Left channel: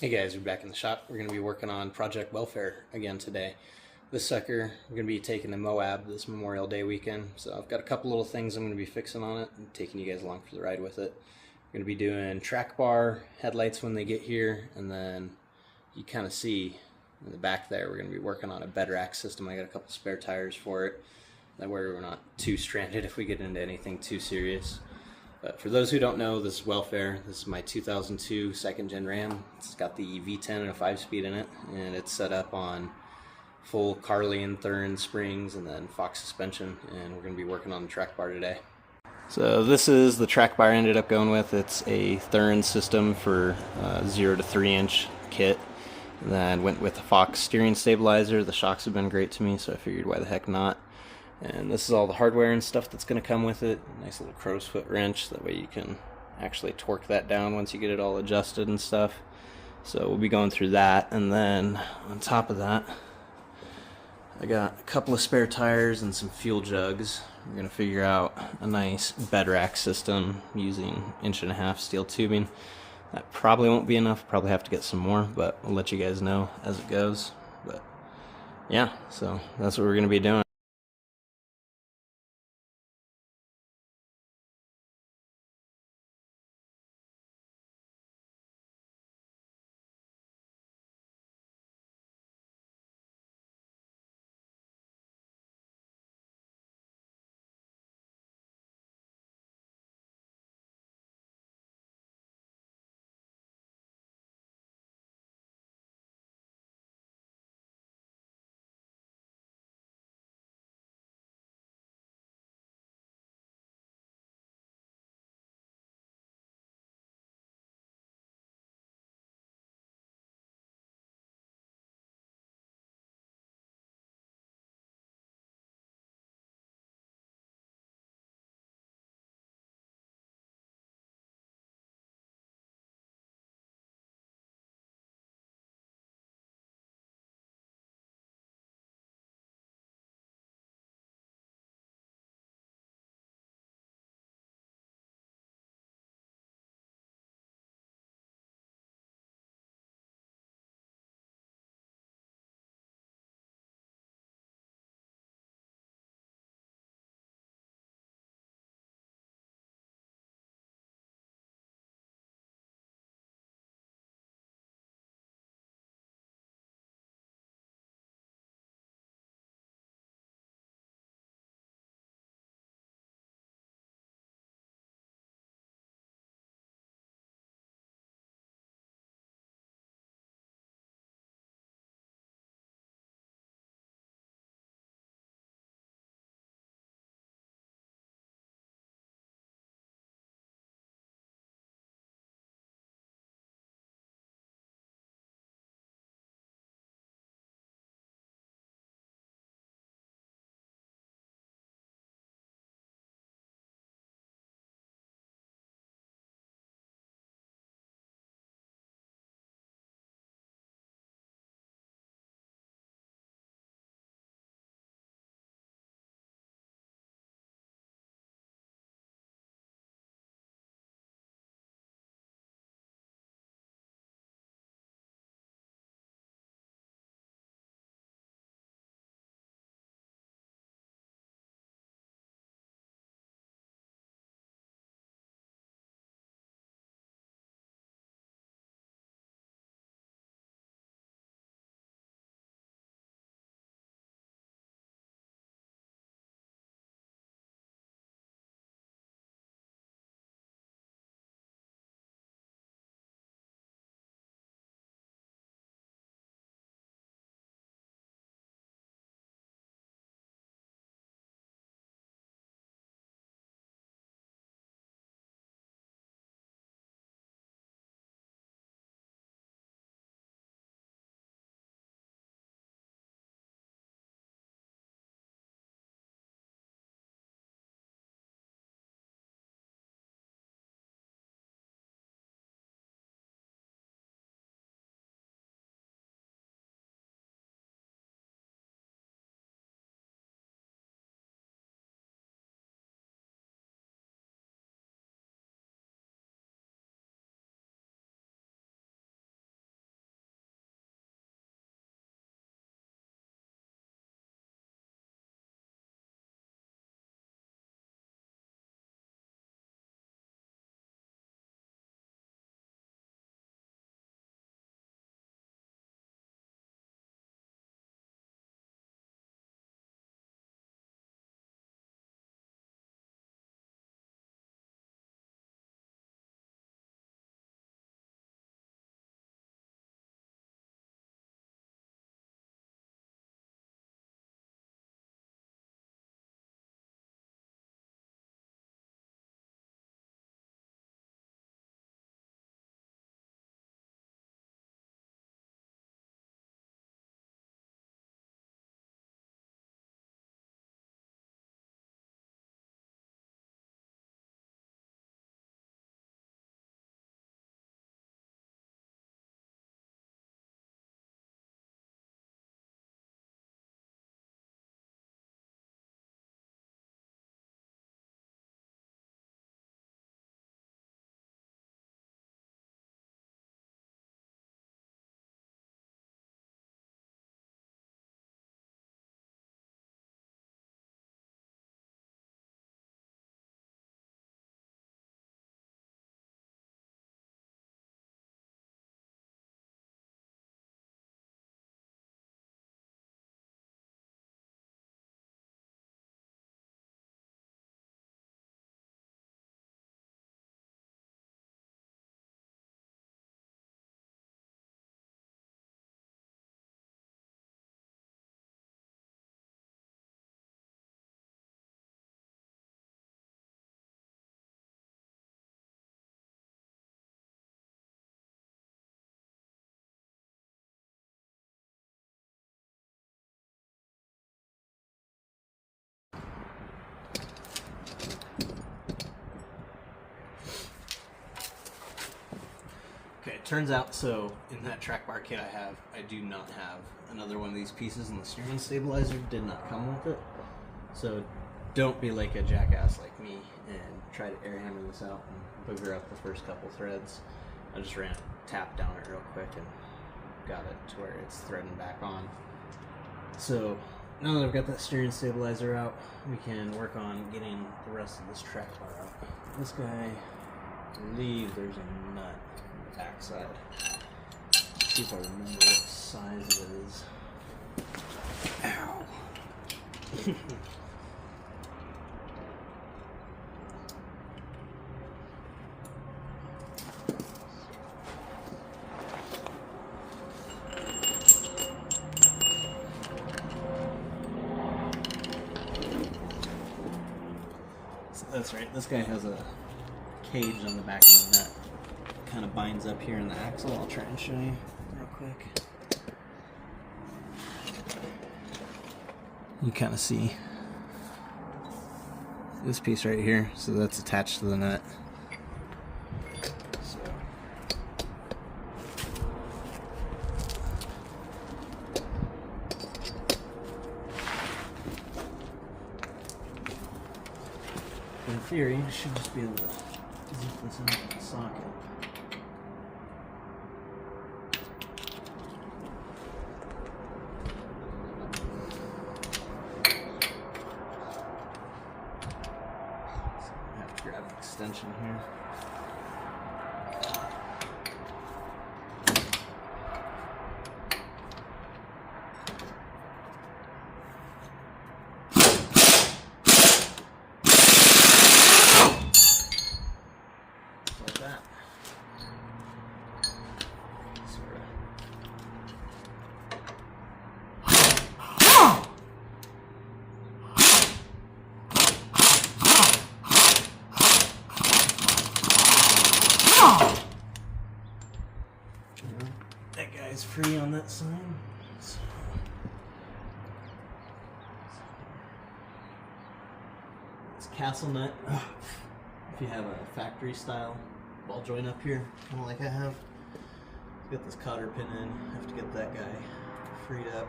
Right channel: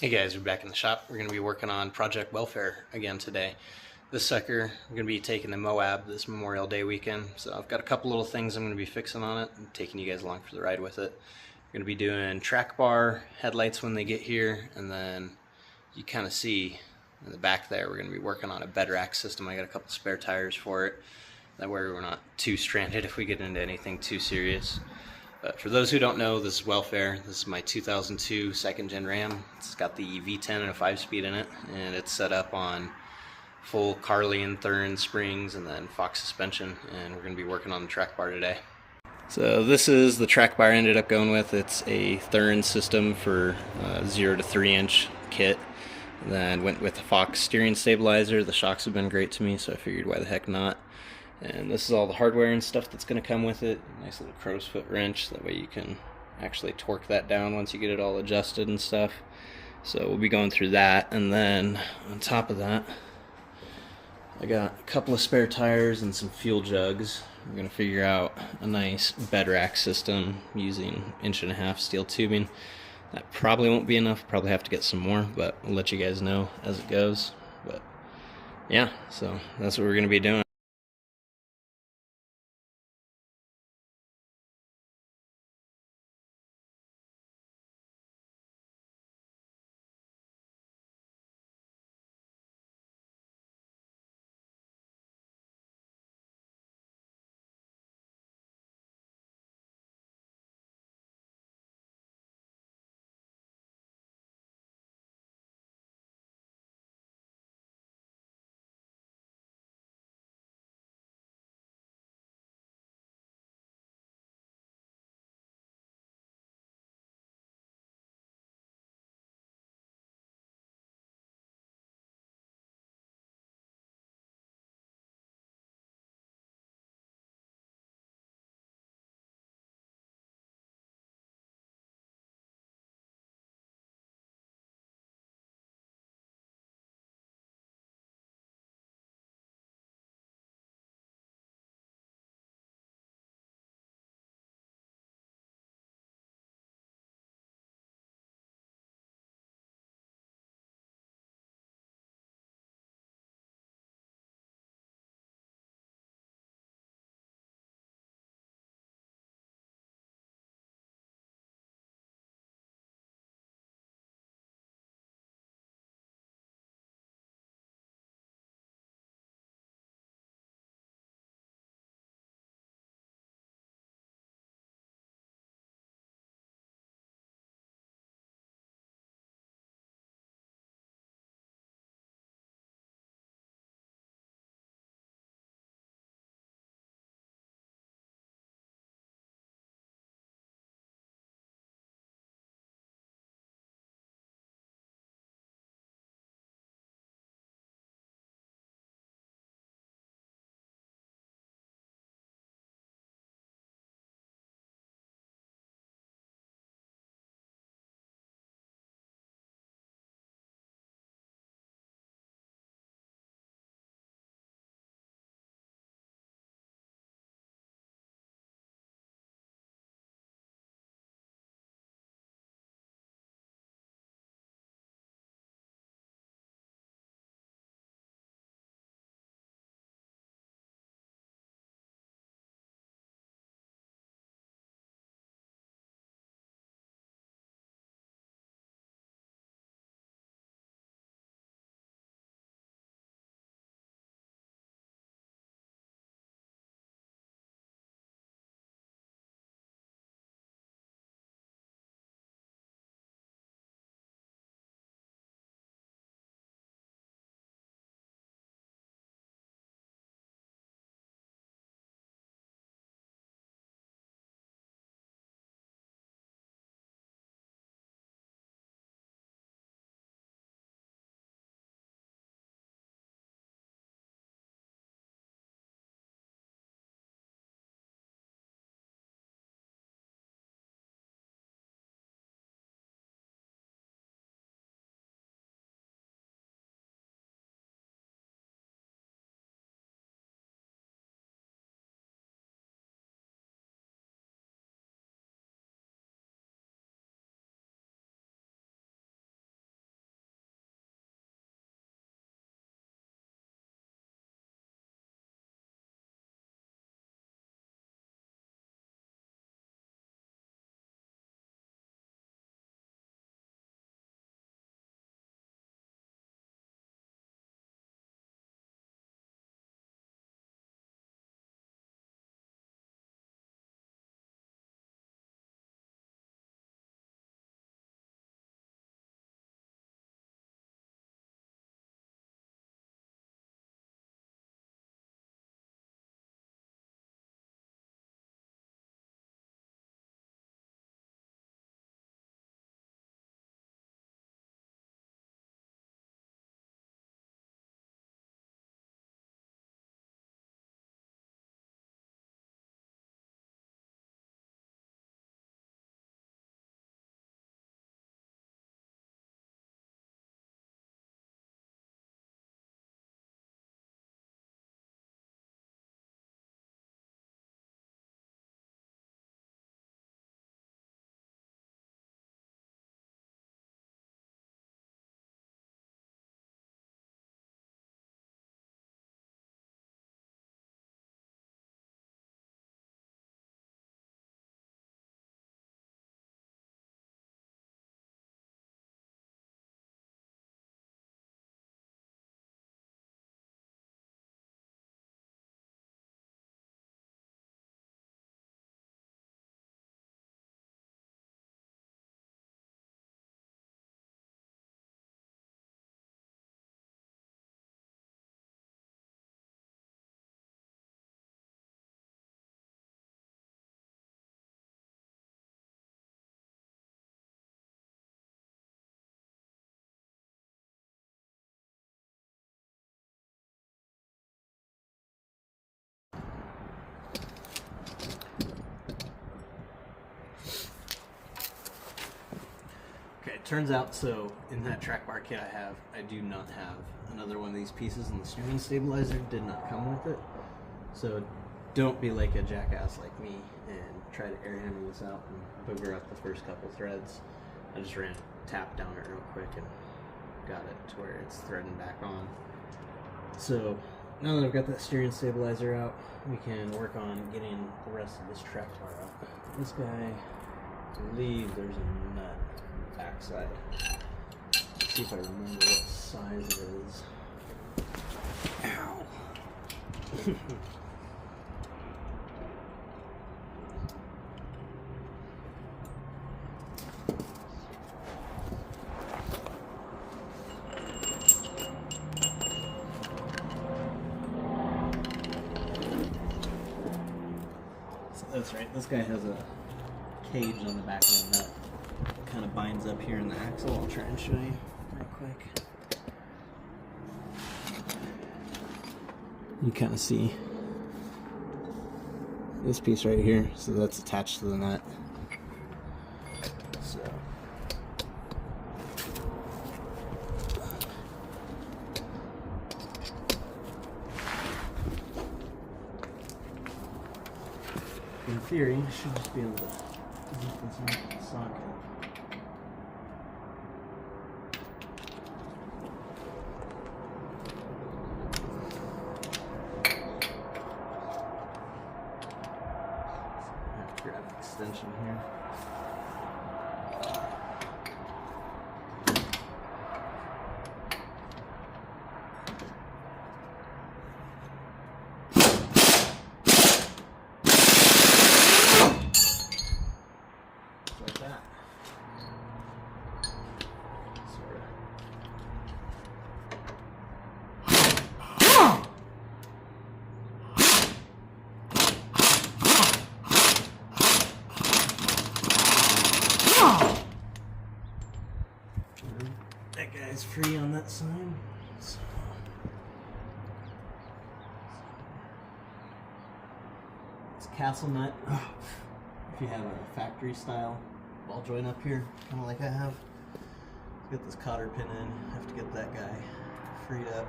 Hey guys, we're back in the shop. We're going to be working on Project Welfare again today. This sucker, we're going to be taking to Moab this Memorial Day weekend. So I've got a couple little things I'm going to be fixing on it and taking you guys along for the ride with it. We're going to be doing track bar headlights when they get here, and then you kind of see in the back there, we're going to be working on a bed rack system. I got a couple spare tires for it. That way we're not too stranded if we get into anything too serious. But for those who don't know, this is Welfare. This is my 2002 second gen Ram. It's got the V10 and a 5-speed in it, and it's set up on full Carly and Thuren springs and then Fox suspension, and we're going to be working on the track bar today. So this is the track bar I ended up going with. It's a Thuren system for 0 to 3 inch kit. And then went with a Fox steering stabilizer. The shocks have been great to me, so I figured why the heck not. And this is all the hardware and stuff that's going to come with it. Nice little crow's foot wrench, that way you can actually torque that down once you get it all adjusted and stuff. So we'll be going through that, and then on top of that, I got a couple of spare tires and some fuel jugs. We're going to figure out a nice bed rack system using 1.5-inch steel tubing. That probably won't be enough, probably have to get some more, but I'll let you guys know as it goes. But yeah, so that's what we're going to be doing. turns out, so in that track bar kit I have, I do not have another one of these pieces, and the steering stabilizer did not come with it. So don't be like a jackass like me and try to air hammer this out and booger up the first couple threads. I just tapped down it real quick and got it to where it's threading back on. So now that I've got that steering stabilizer out, we can work on getting the rest of this track bar out. This guy, I believe there's a nut on the backside. Let's see if I remember what size it is. Ow. That's right, this guy has a cage on the back of the nut. Kind of binds up here in the axle. I'll try and show you real quick. You kind of see this piece right here, so that's attached to the nut. So in theory, I should just be able to zip this out of the socket. I have to grab an extension here. That guy's free on that side. So. It's a castle nut. If you have a factory style ball joint up here, kind of like I have, get this cotter pin in. Have to get that guy freed up.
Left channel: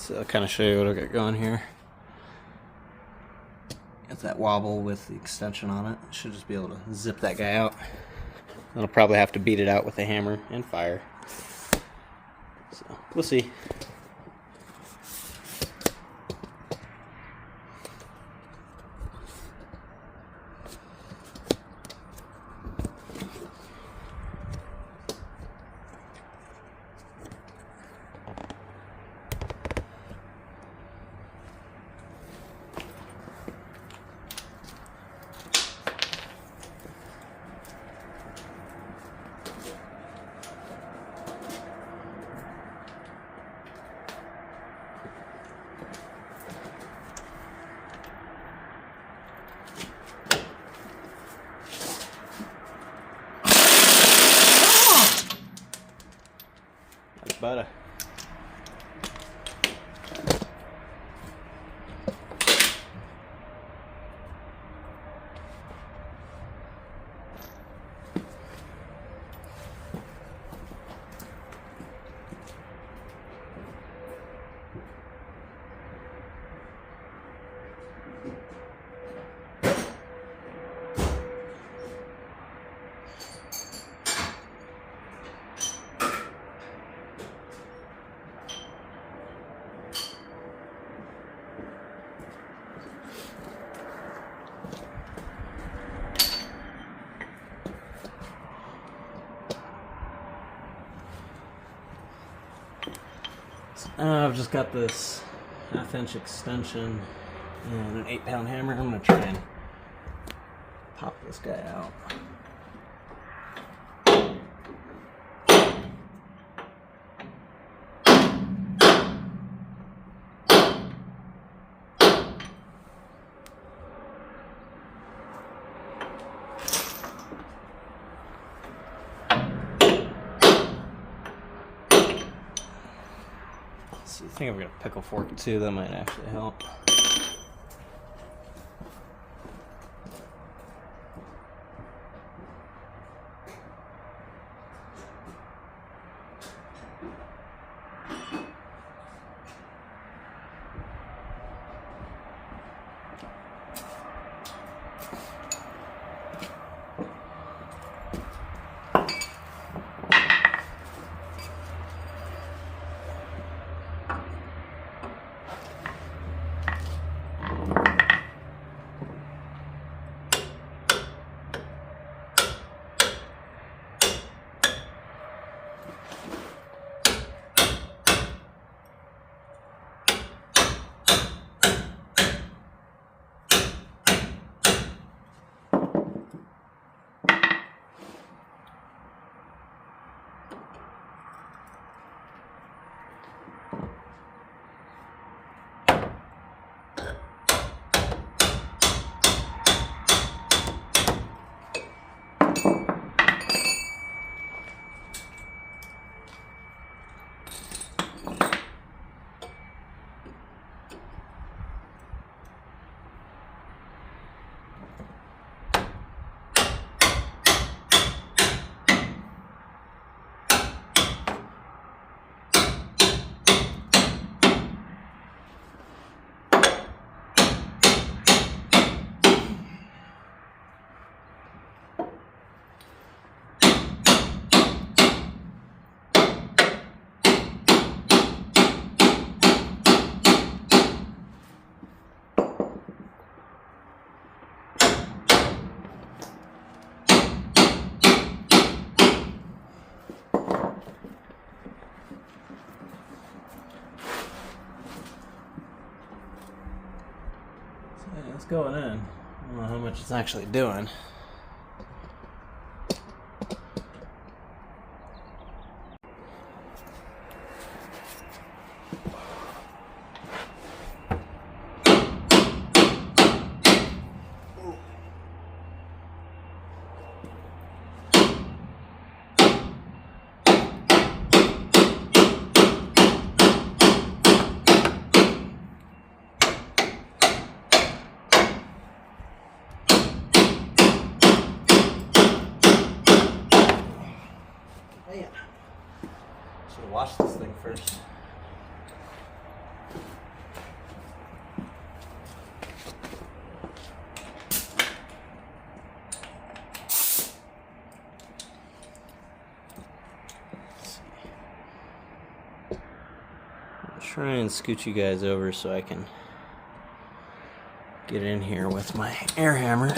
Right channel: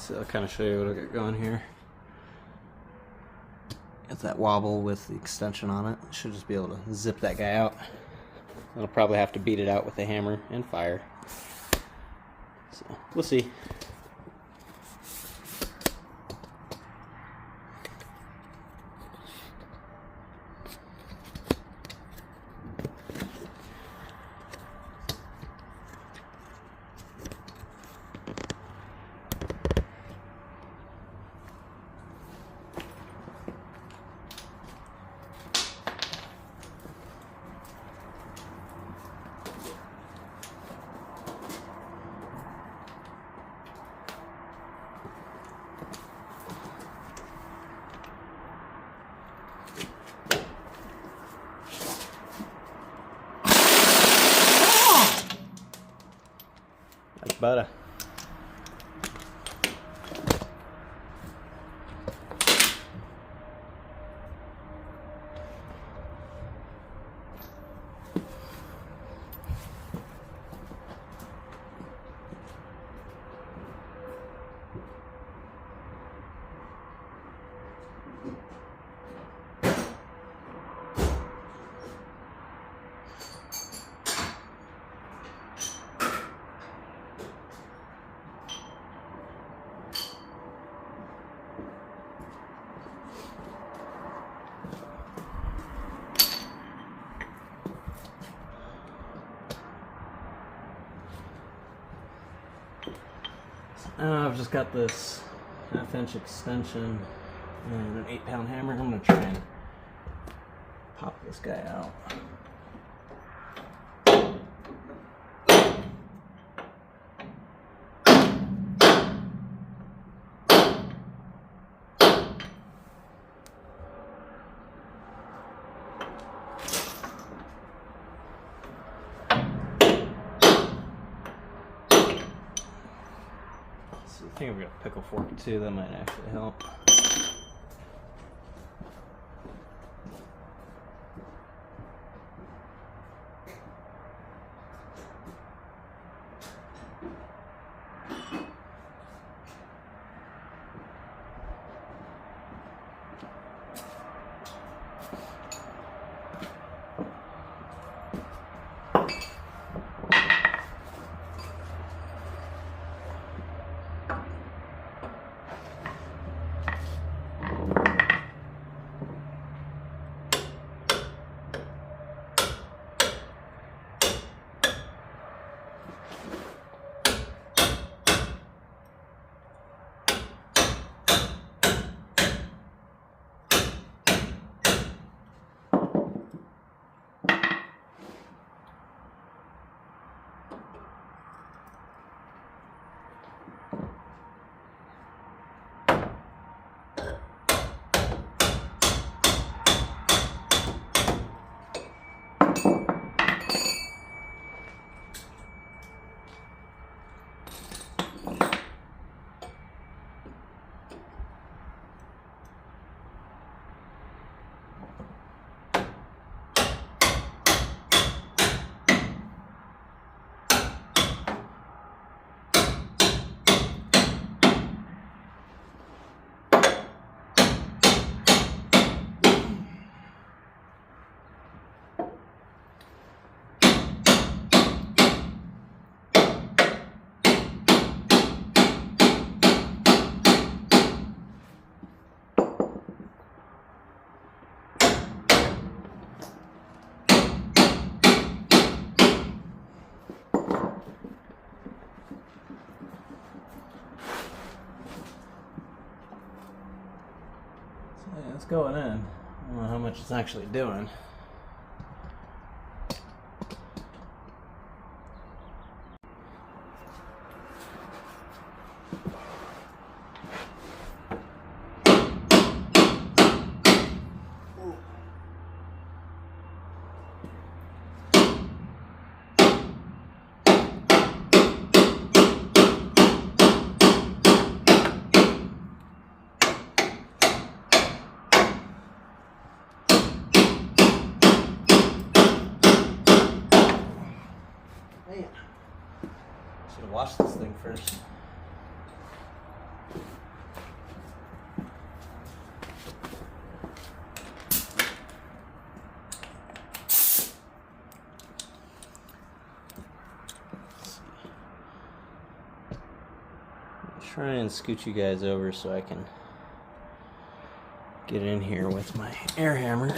So I'll kind of show you what I got going here. Got that wobble with the extension on it. Should just be able to zip that guy out. I'll probably have to beat it out with a hammer and fire. So we'll see. That's better. I've just got this 1/2 inch extension and an 8-pound hammer. I'm going to try and pop this guy out. I think I'm going to pickle fork too, that might actually help. Yeah, it's going in. I don't know how much it's actually doing. Should have washed this thing first. I'll try and scoot you guys over so I can get in here with my air hammer.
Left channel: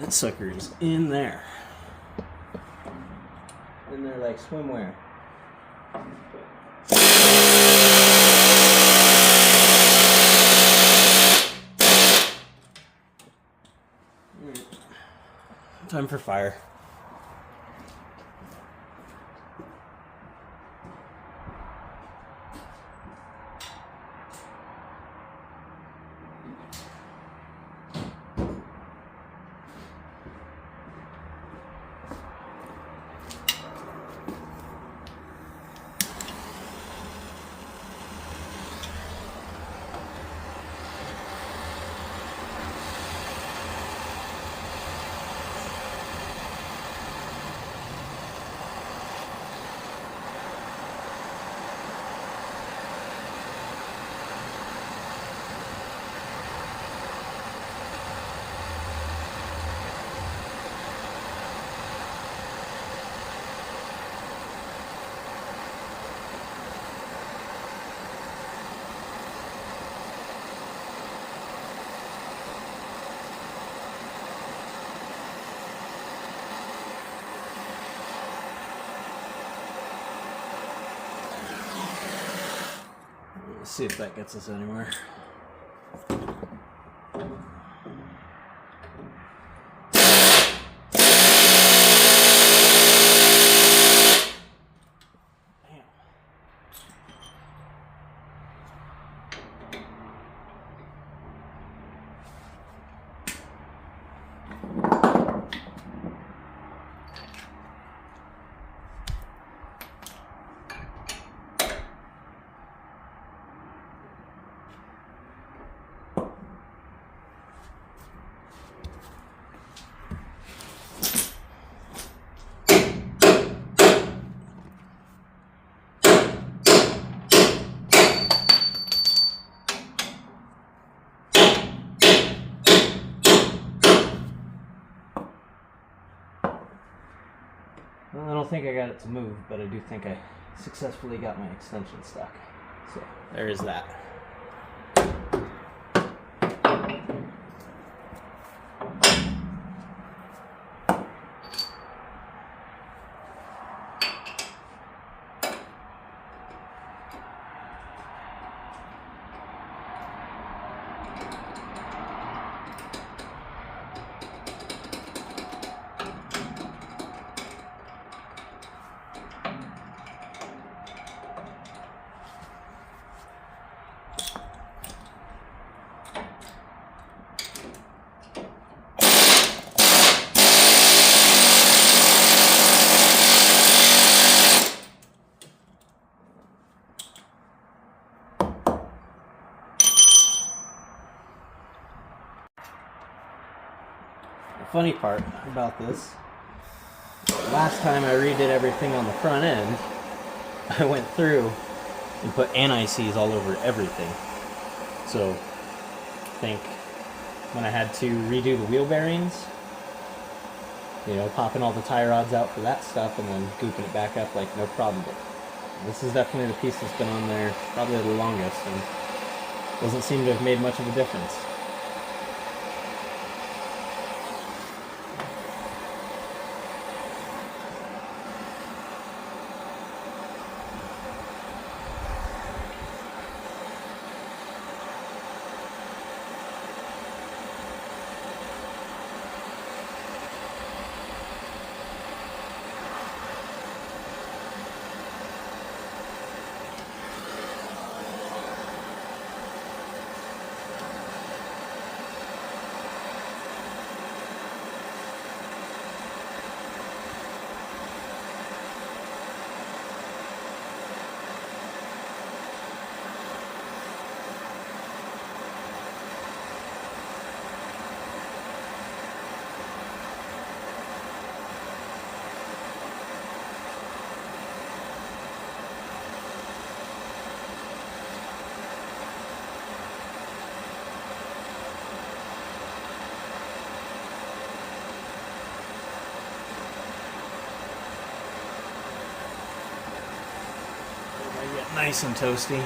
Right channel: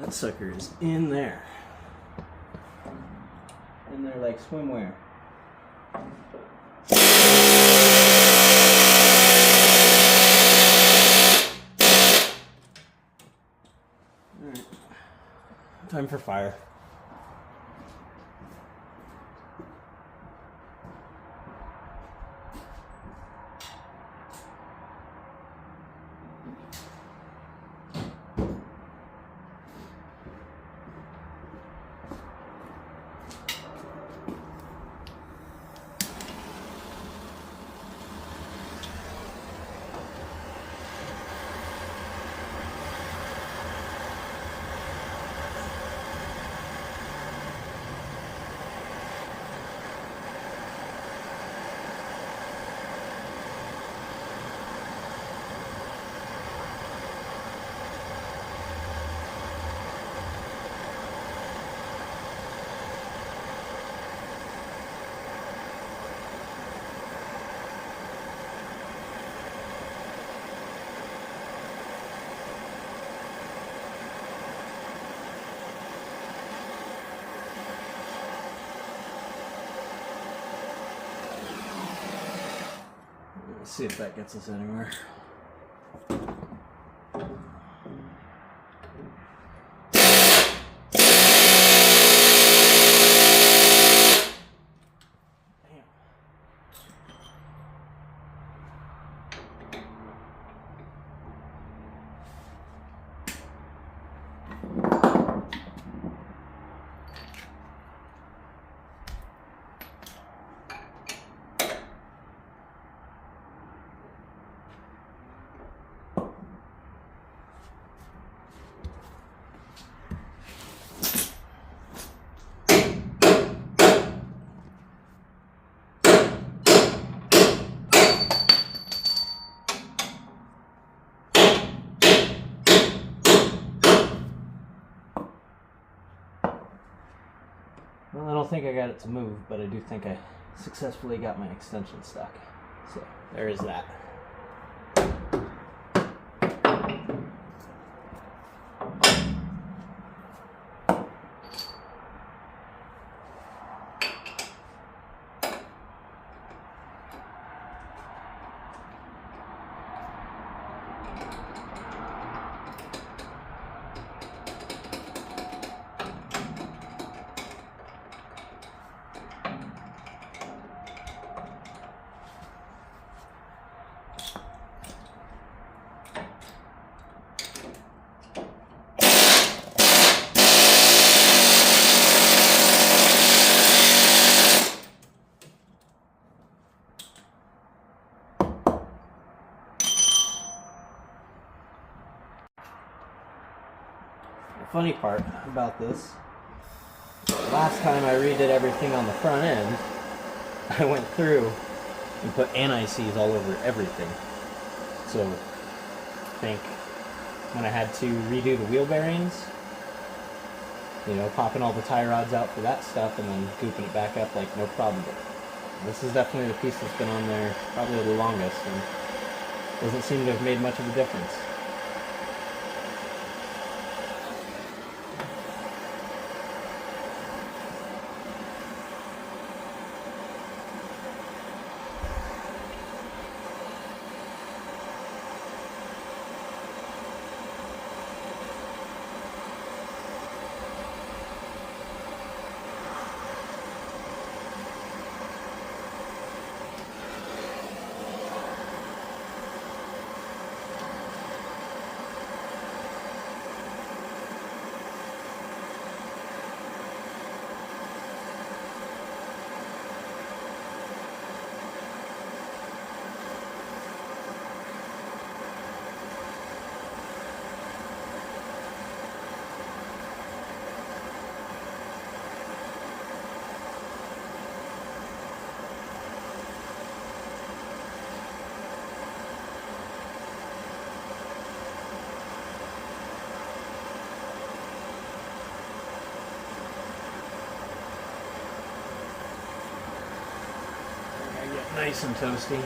That sucker is in there. In there like swimwear. Alright. Time for fire. Let's see if that gets us anywhere. Well, I don't think I got it to move, but I do think I successfully got my extension stuck. So there is that. The funny part about this, last time I redid everything on the front end, I went through and put anti-seize all over everything. So I think when I had to redo the wheel bearings, you know, popping all the tie rods out for that stuff and then gooping it back up, like no problem. But this is definitely the piece that's been on there probably the longest and doesn't seem to have made much of a difference. Nice and toasty.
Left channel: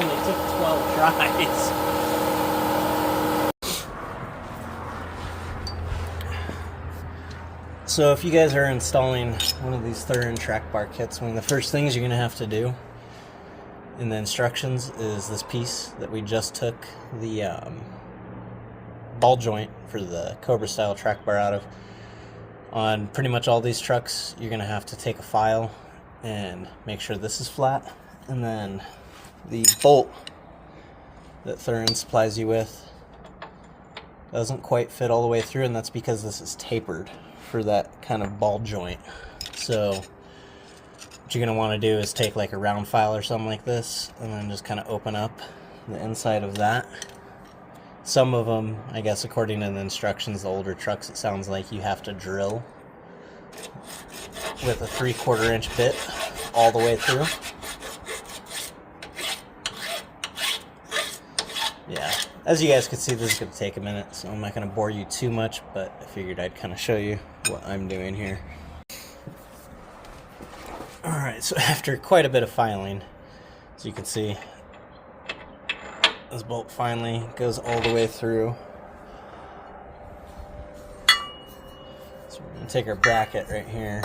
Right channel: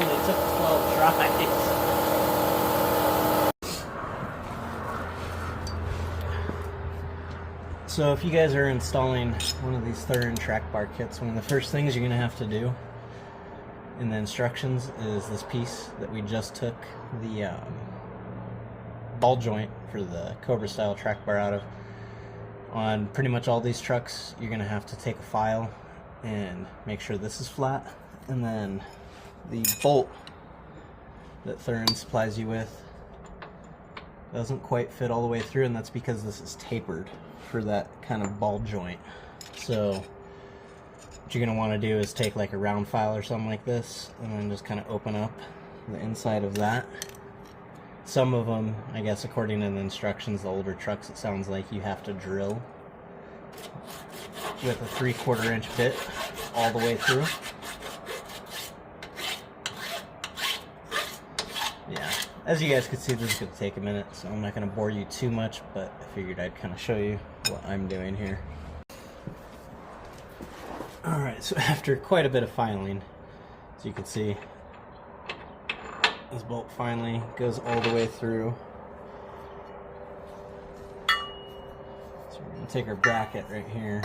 only took 12 tries. So if you guys are installing one of these Thuren track bar kits, one of the first things you're going to have to do in the instructions is this piece that we just took the ball joint for the Cobra style track bar out of. On pretty much all these trucks, you're going to have to take a file and make sure this is flat, and then the bolt that Thuren supplies you with doesn't quite fit all the way through, and that's because this is tapered for that kind of ball joint. So what you're going to want to do is take like a round file or something like this and then just kind of open up the inside of that. Some of them, I guess according to the instructions, the older trucks, it sounds like you have to drill with a 3/4 inch bit all the way through. Yeah, as you guys can see, this is going to take a minute, so I'm not going to bore you too much, but I figured I'd kind of show you what I'm doing here. Alright, so after quite a bit of filing, as you can see, this bolt finally goes all the way through. So we're going to take our bracket right here,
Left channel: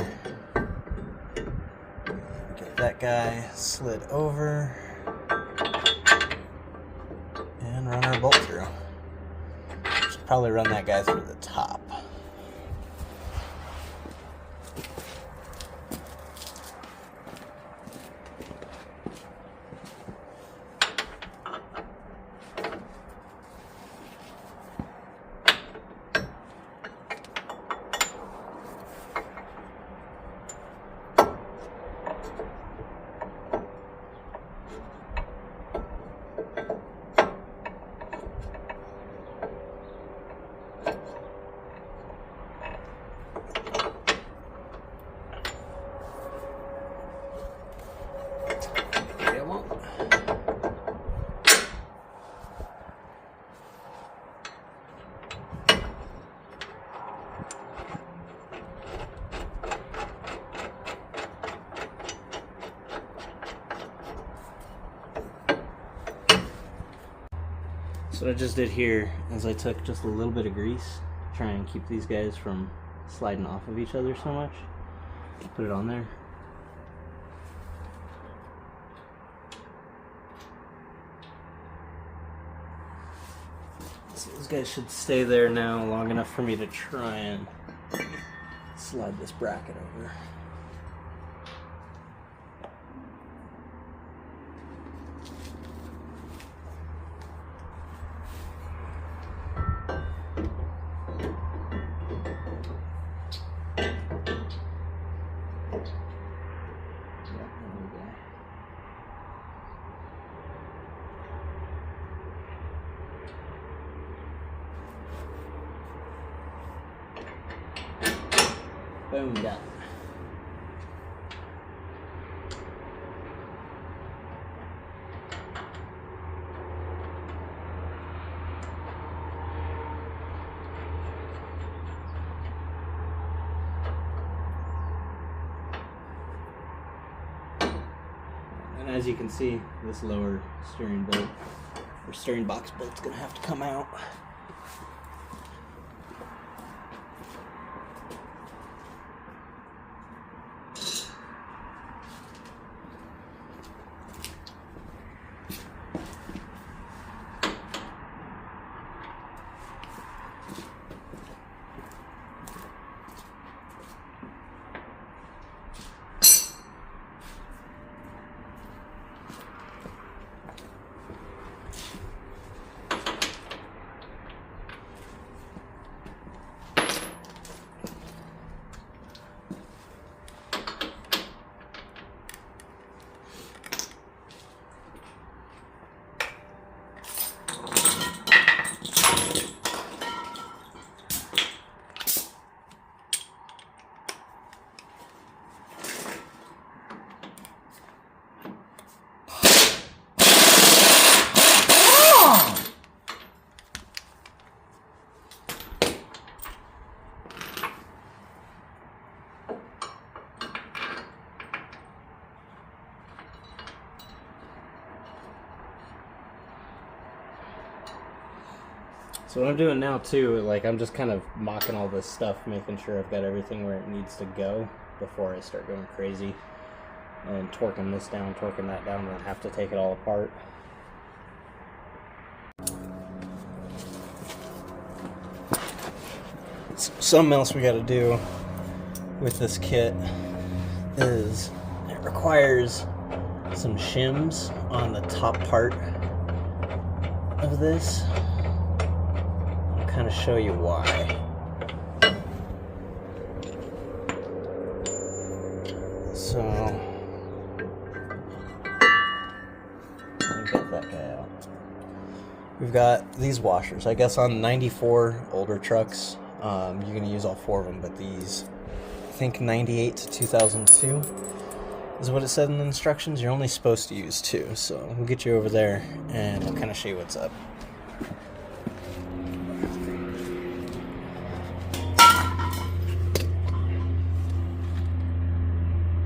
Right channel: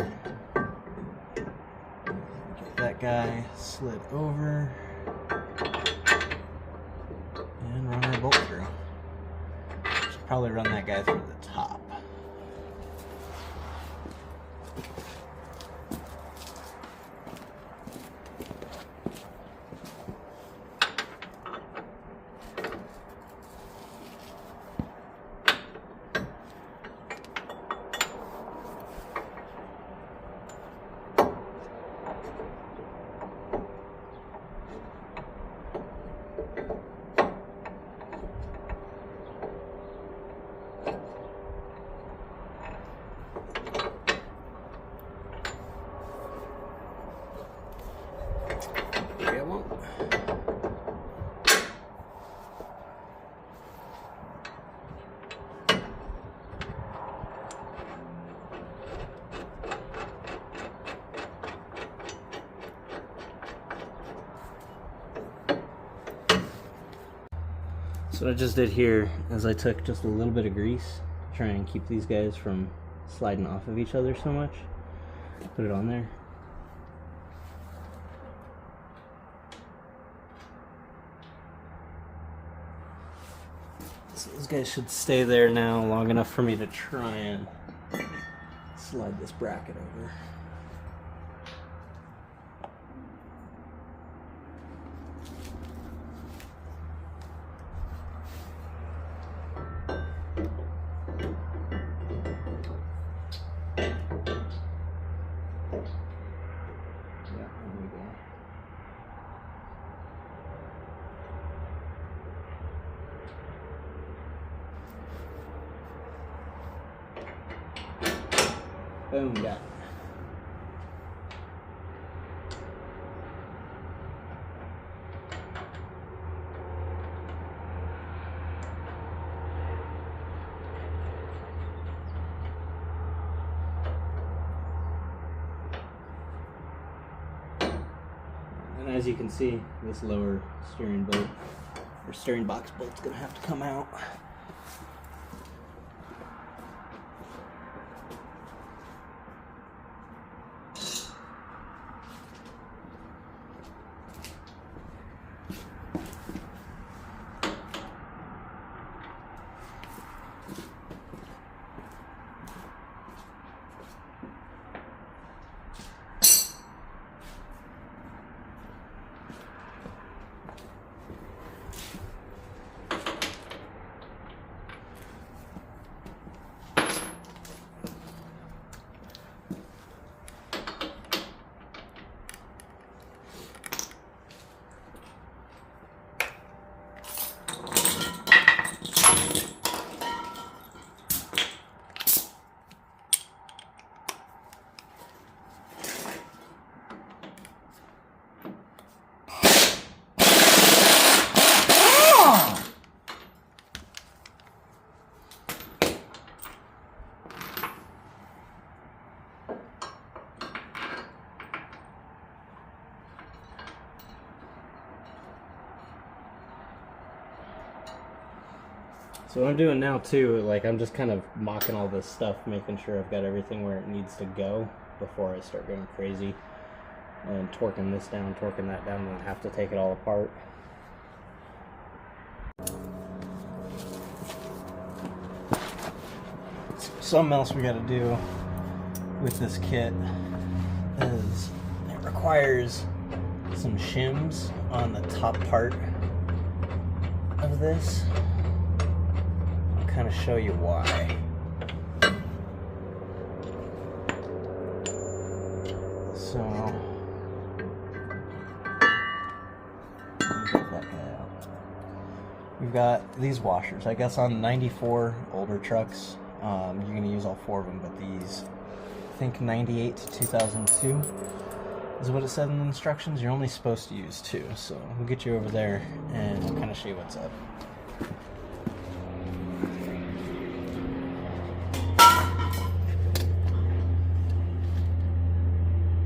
get that guy slid over, and run our bolt through. Should probably run that guy through the top. So what I just did here is I took just a little bit of grease to try and keep these guys from sliding off of each other so much. Put it on there. So those guys should stay there now long enough for me to try and slide this bracket over. Boom, got it. And as you can see, this lower steering bolt, or steering box bolt's gonna have to come out. So what I'm doing now too, like I'm just kind of mocking all this stuff, making sure I've got everything where it needs to go before I start going crazy and torquing this down, torquing that down, and I have to take it all apart. Something else we got to do with this kit is it requires some shims on the top part of this. I'll kind of show you why. So let me get that guy out. We've got these washers. I guess on 94 older trucks, you're going to use all 4 of them, but these, I think 98 to 2002 is what it said in the instructions. You're only supposed to use 2, so we'll get you over there and we'll kind of show you what's up.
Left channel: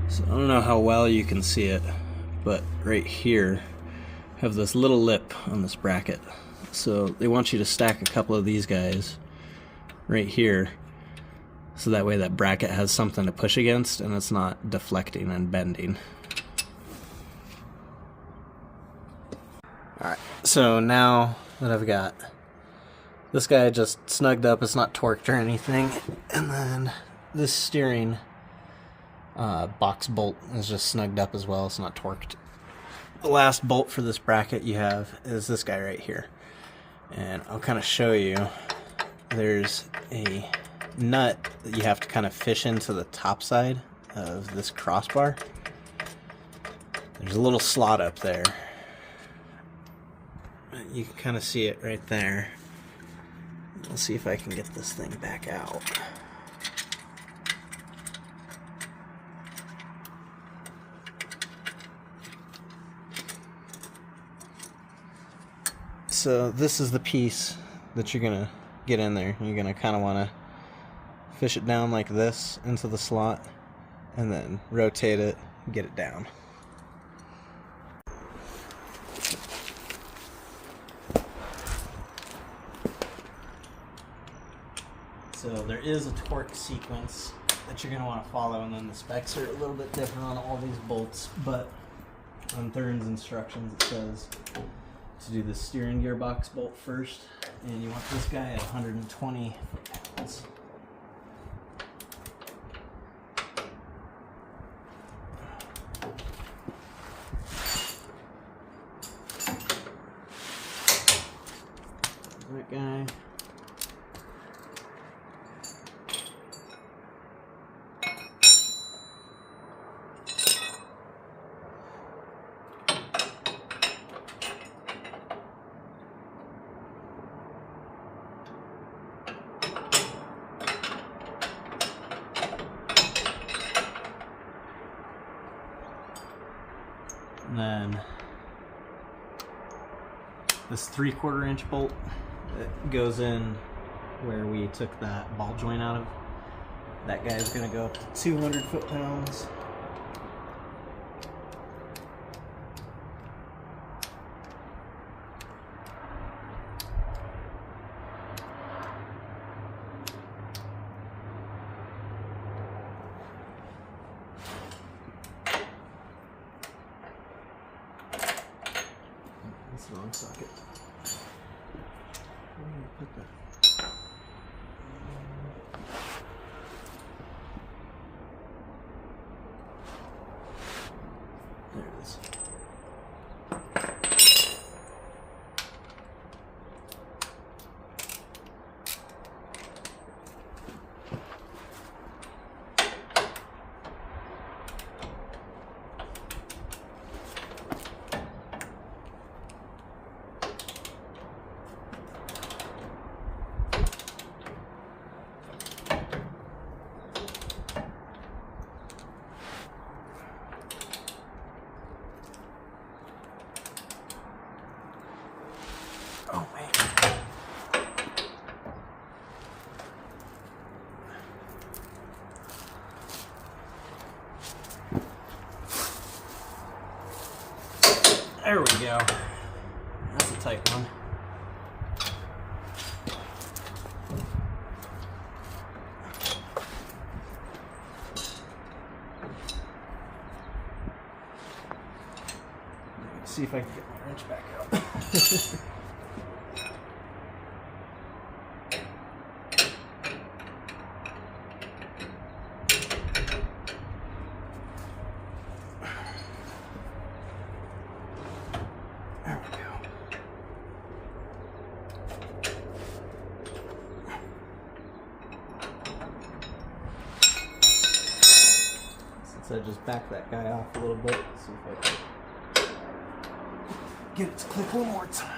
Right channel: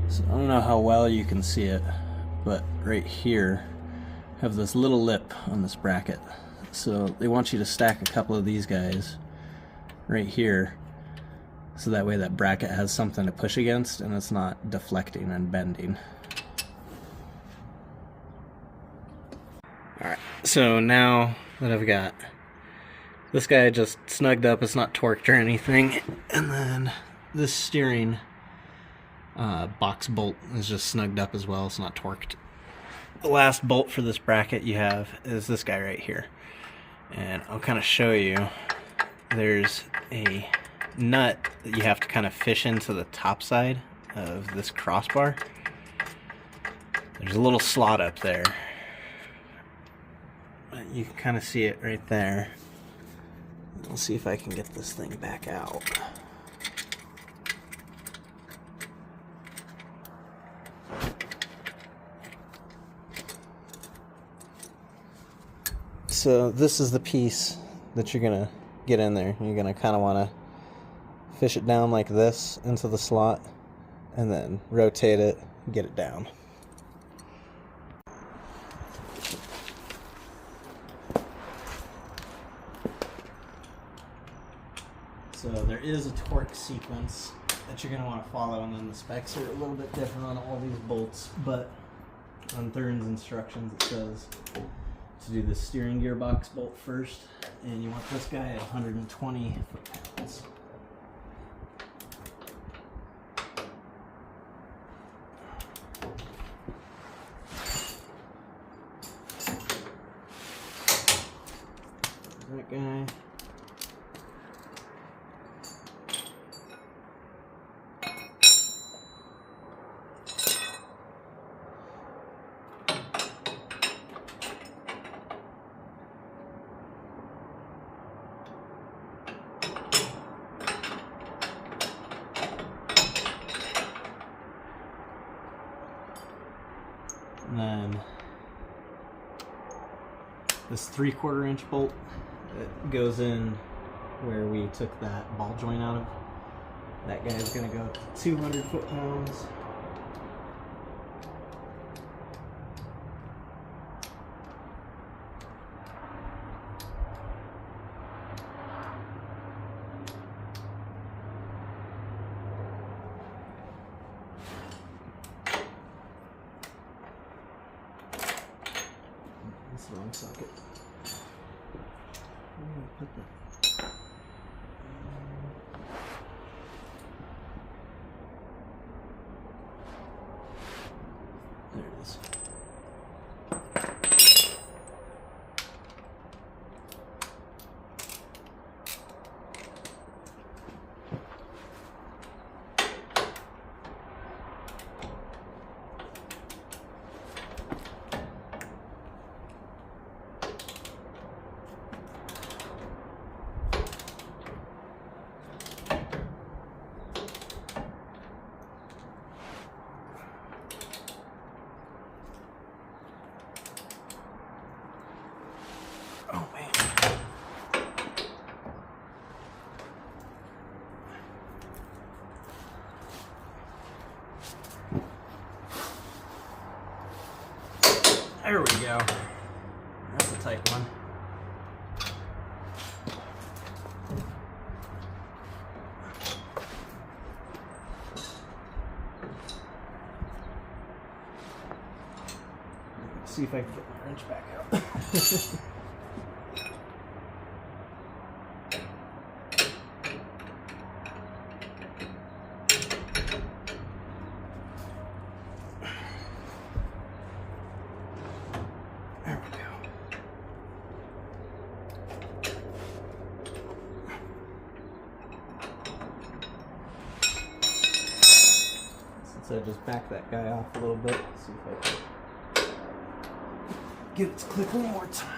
So I don't know how well you can see it, but right here I have this little lip on this bracket. So they want you to stack a couple of these guys right here, so that way that bracket has something to push against and it's not deflecting and bending. Alright, so now that I've got this guy just snugged up, it's not torqued or anything, and then this steering box bolt is just snugged up as well, it's not torqued. The last bolt for this bracket you have is this guy right here, and I'll kind of show you. There's a nut that you have to kind of fish into the top side of this crossbar. There's a little slot up there. You can kind of see it right there. We'll see if I can get this thing back out. So this is the piece that you're gonna get in there. You're gonna kind of want to fish it down like this into the slot and then rotate it and get it down. So there is a torque sequence that you're going to want to follow, and then the specs are a little bit different on all these bolts, but on Thuren's instructions it says to do the steering gearbox bolt first, and you want this guy at 120 foot-pounds. That guy. And then this 3/4 inch bolt, it goes in where we took that ball joint out of. That guy's gonna go up to 200 foot-pounds. That's the wrong socket. Where do I put that? There it is. Oh man. There we go. That's a tight one. see if I can get my wrench back out. There we go. Since I just backed that guy off a little bit, let's see if I can get it to click one more time.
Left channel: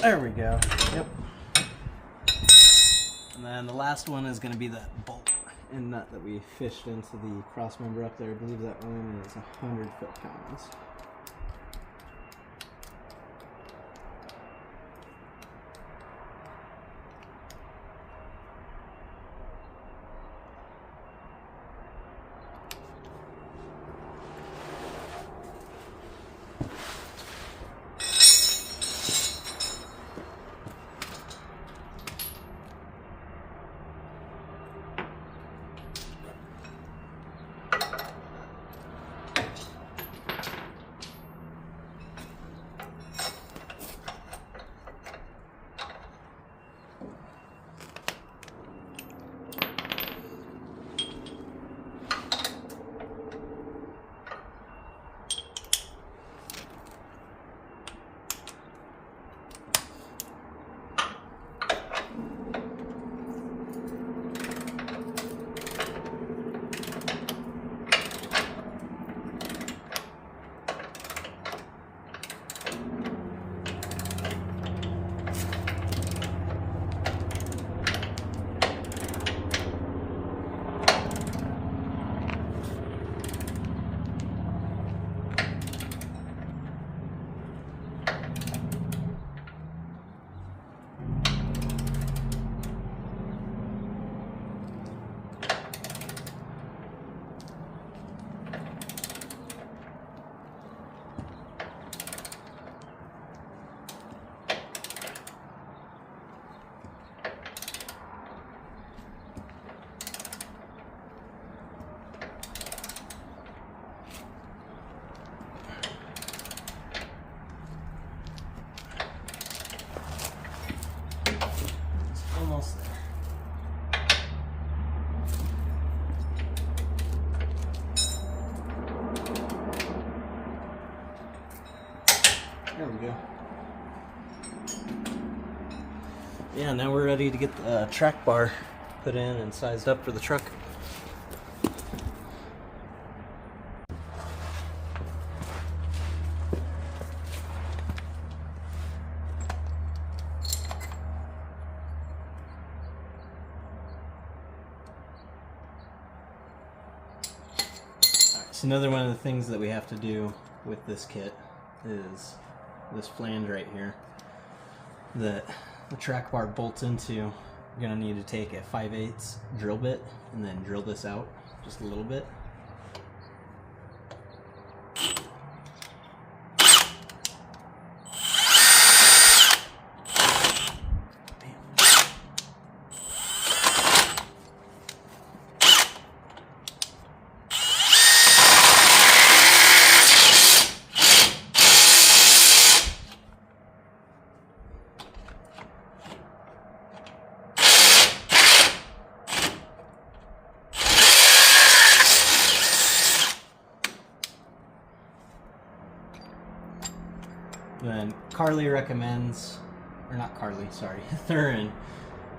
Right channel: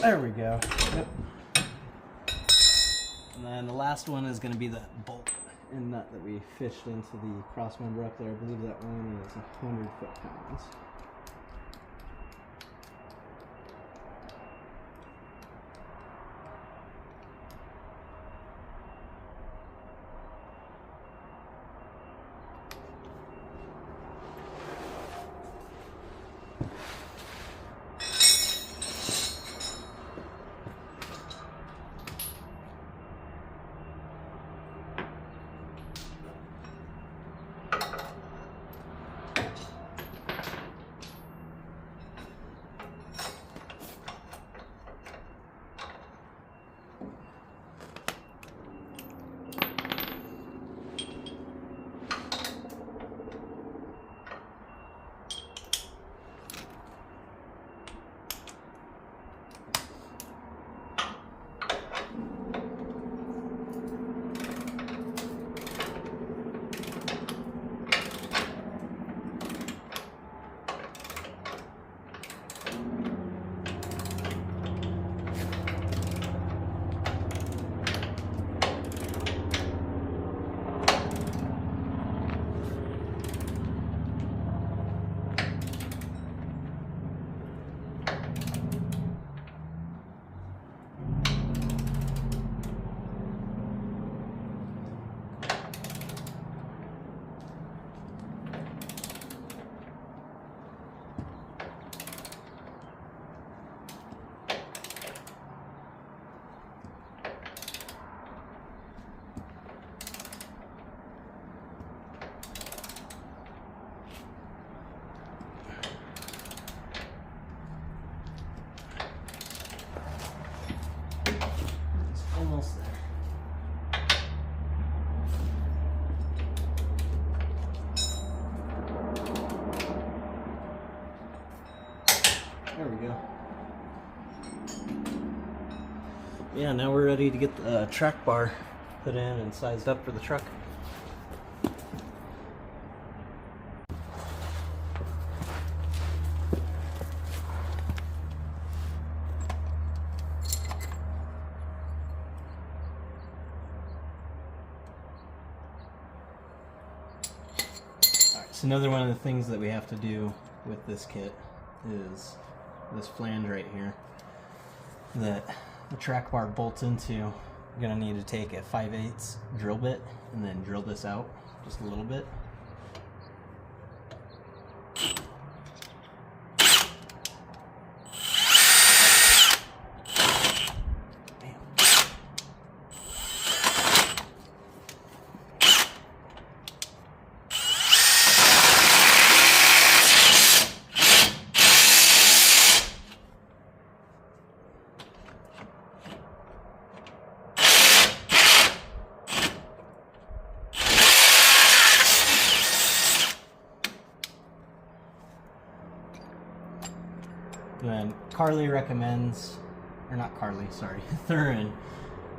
There we go. Yep. And then the last one is going to be the bolt and nut that we fished into the cross member up there. I believe that one is 100 foot-pounds. Almost there. There we go. Yeah, now we're ready to get the track bar put in and sized up for the truck. So another one of the things that we have to do with this kit is this flange right here that the track bar bolts into. You're going to need to take a 5/8 drill bit and then drill this out just a little bit. Carly recommends, or not Carly, sorry, Thuren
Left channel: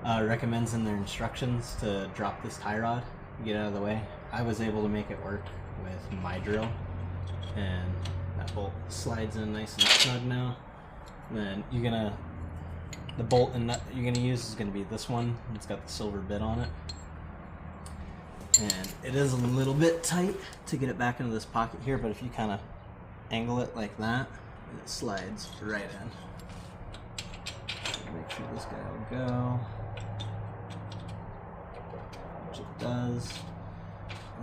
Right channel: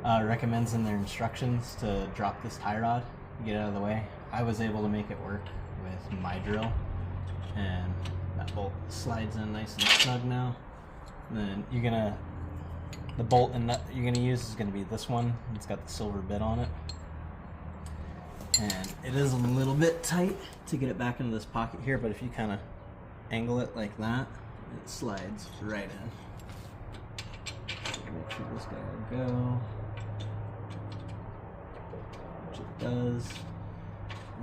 recommends in their instructions to drop this tie rod, get out of the way. I was able to make it work with my drill, and that bolt slides in nice and snug now. And then the bolt and nut you're gonna use is gonna be this one. It's got the silver bit on it. And it is a little bit tight to get it back into this pocket here, but if you kind of angle it like that, it slides right in. Make sure this guy will go, which it does.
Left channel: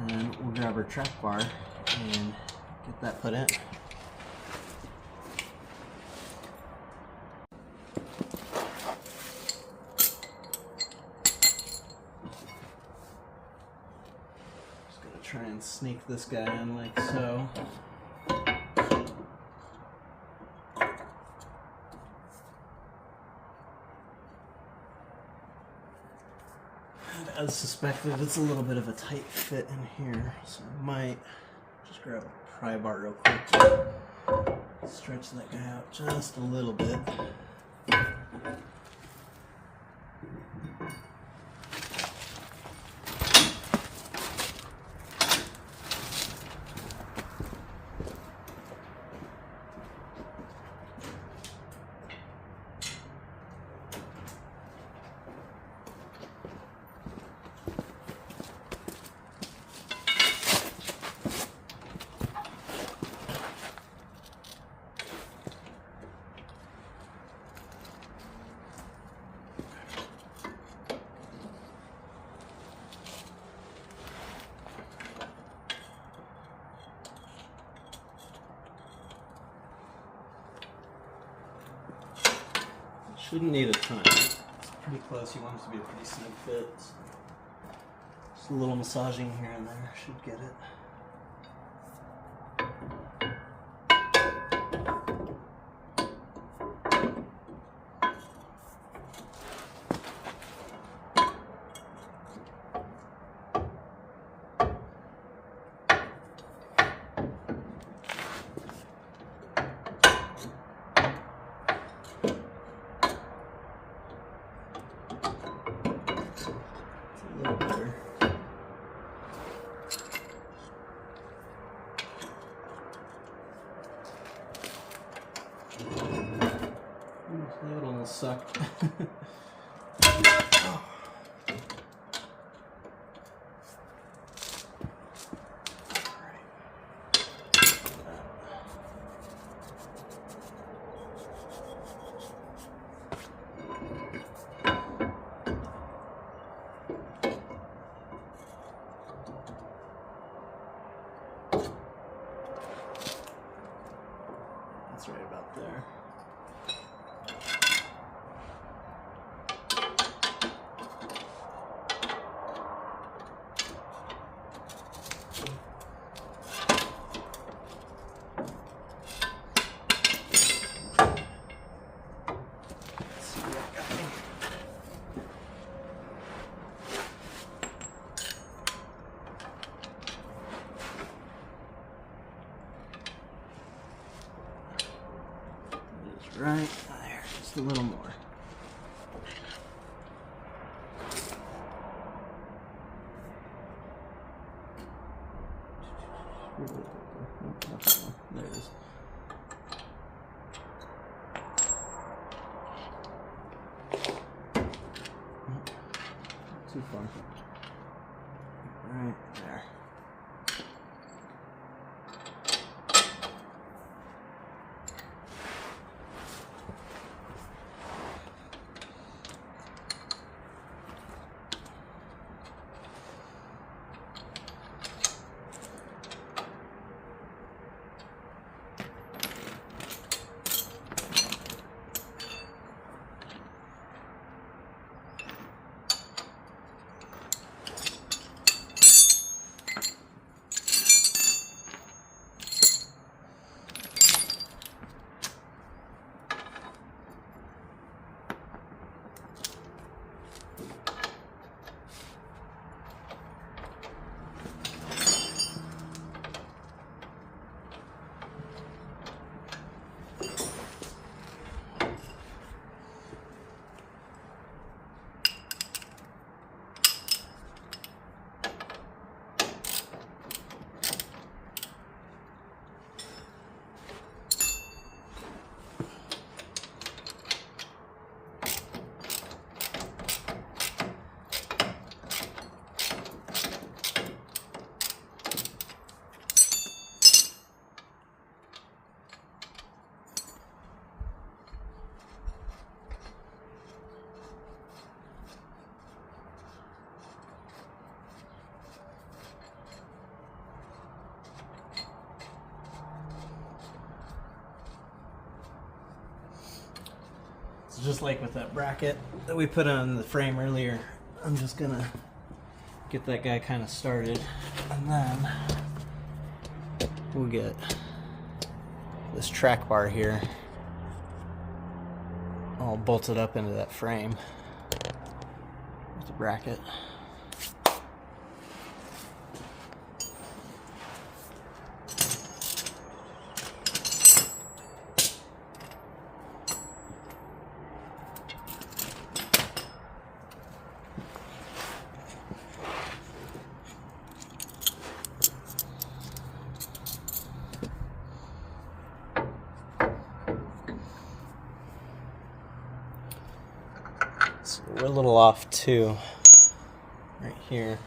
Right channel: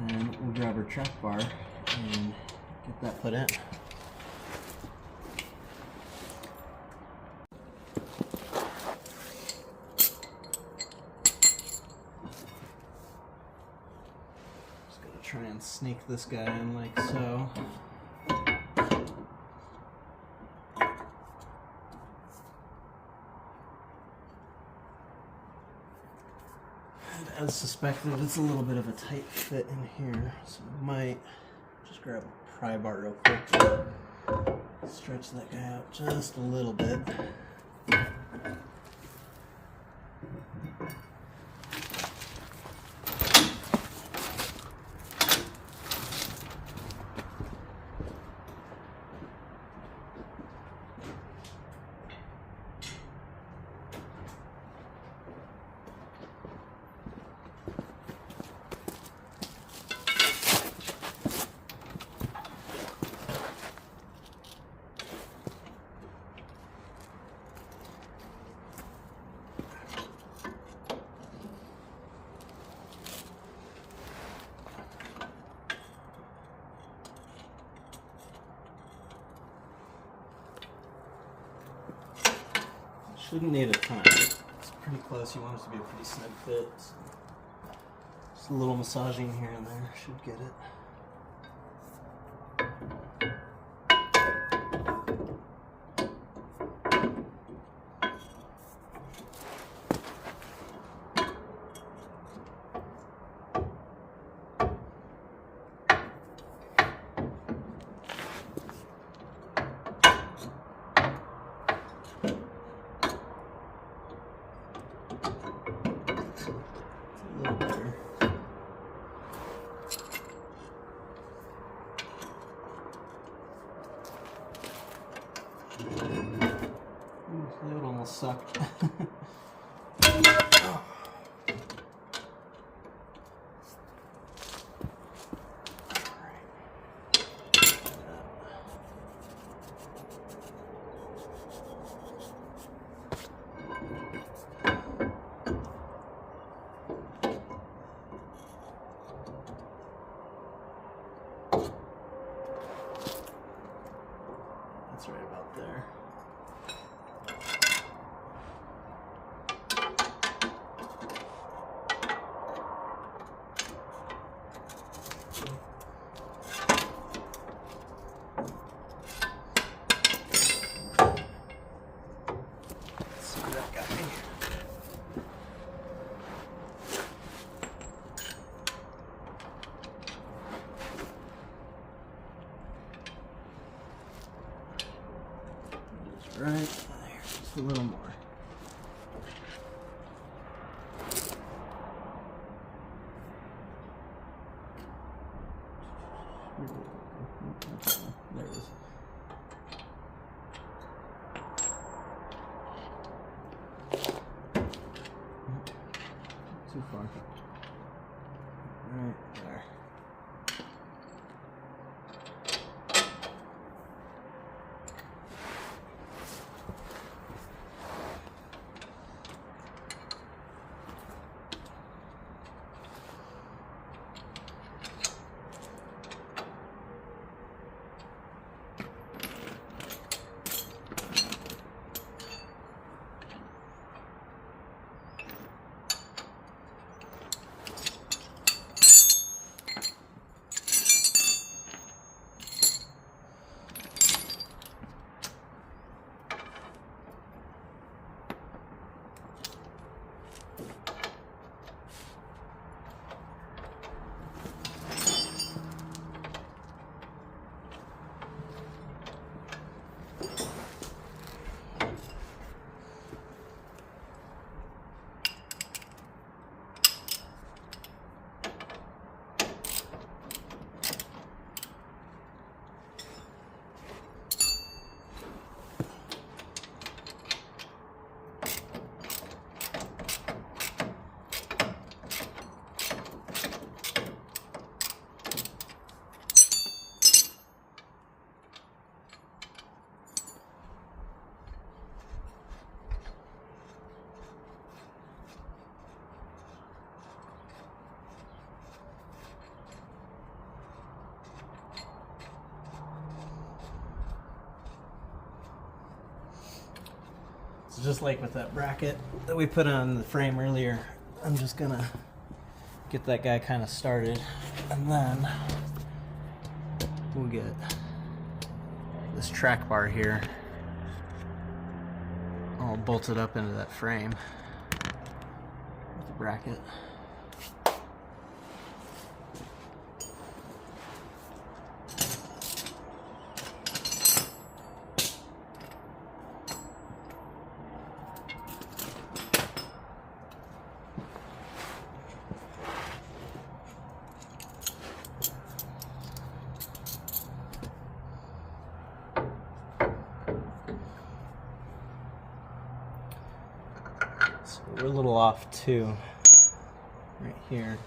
And we'll grab our track bar and get that put in. Just gonna try and sneak this guy in like so. As suspected, it's a little bit of a tight fit in here, so I might just grab a pry bar real quick and stretch that guy out just a little bit. Shouldn't need a ton. It's pretty close. You want it to be a pretty snug fit. Just a little massaging here and there should get it. That almost sucked. That's right about there. Right there, just a little more. There it is. Too far. Right there. just like with that bracket that we put on the frame earlier, I'm just gonna get that guy kind of started, and then we'll get this track bar here all bolted up into that frame with the bracket. So we're a little off too, right here.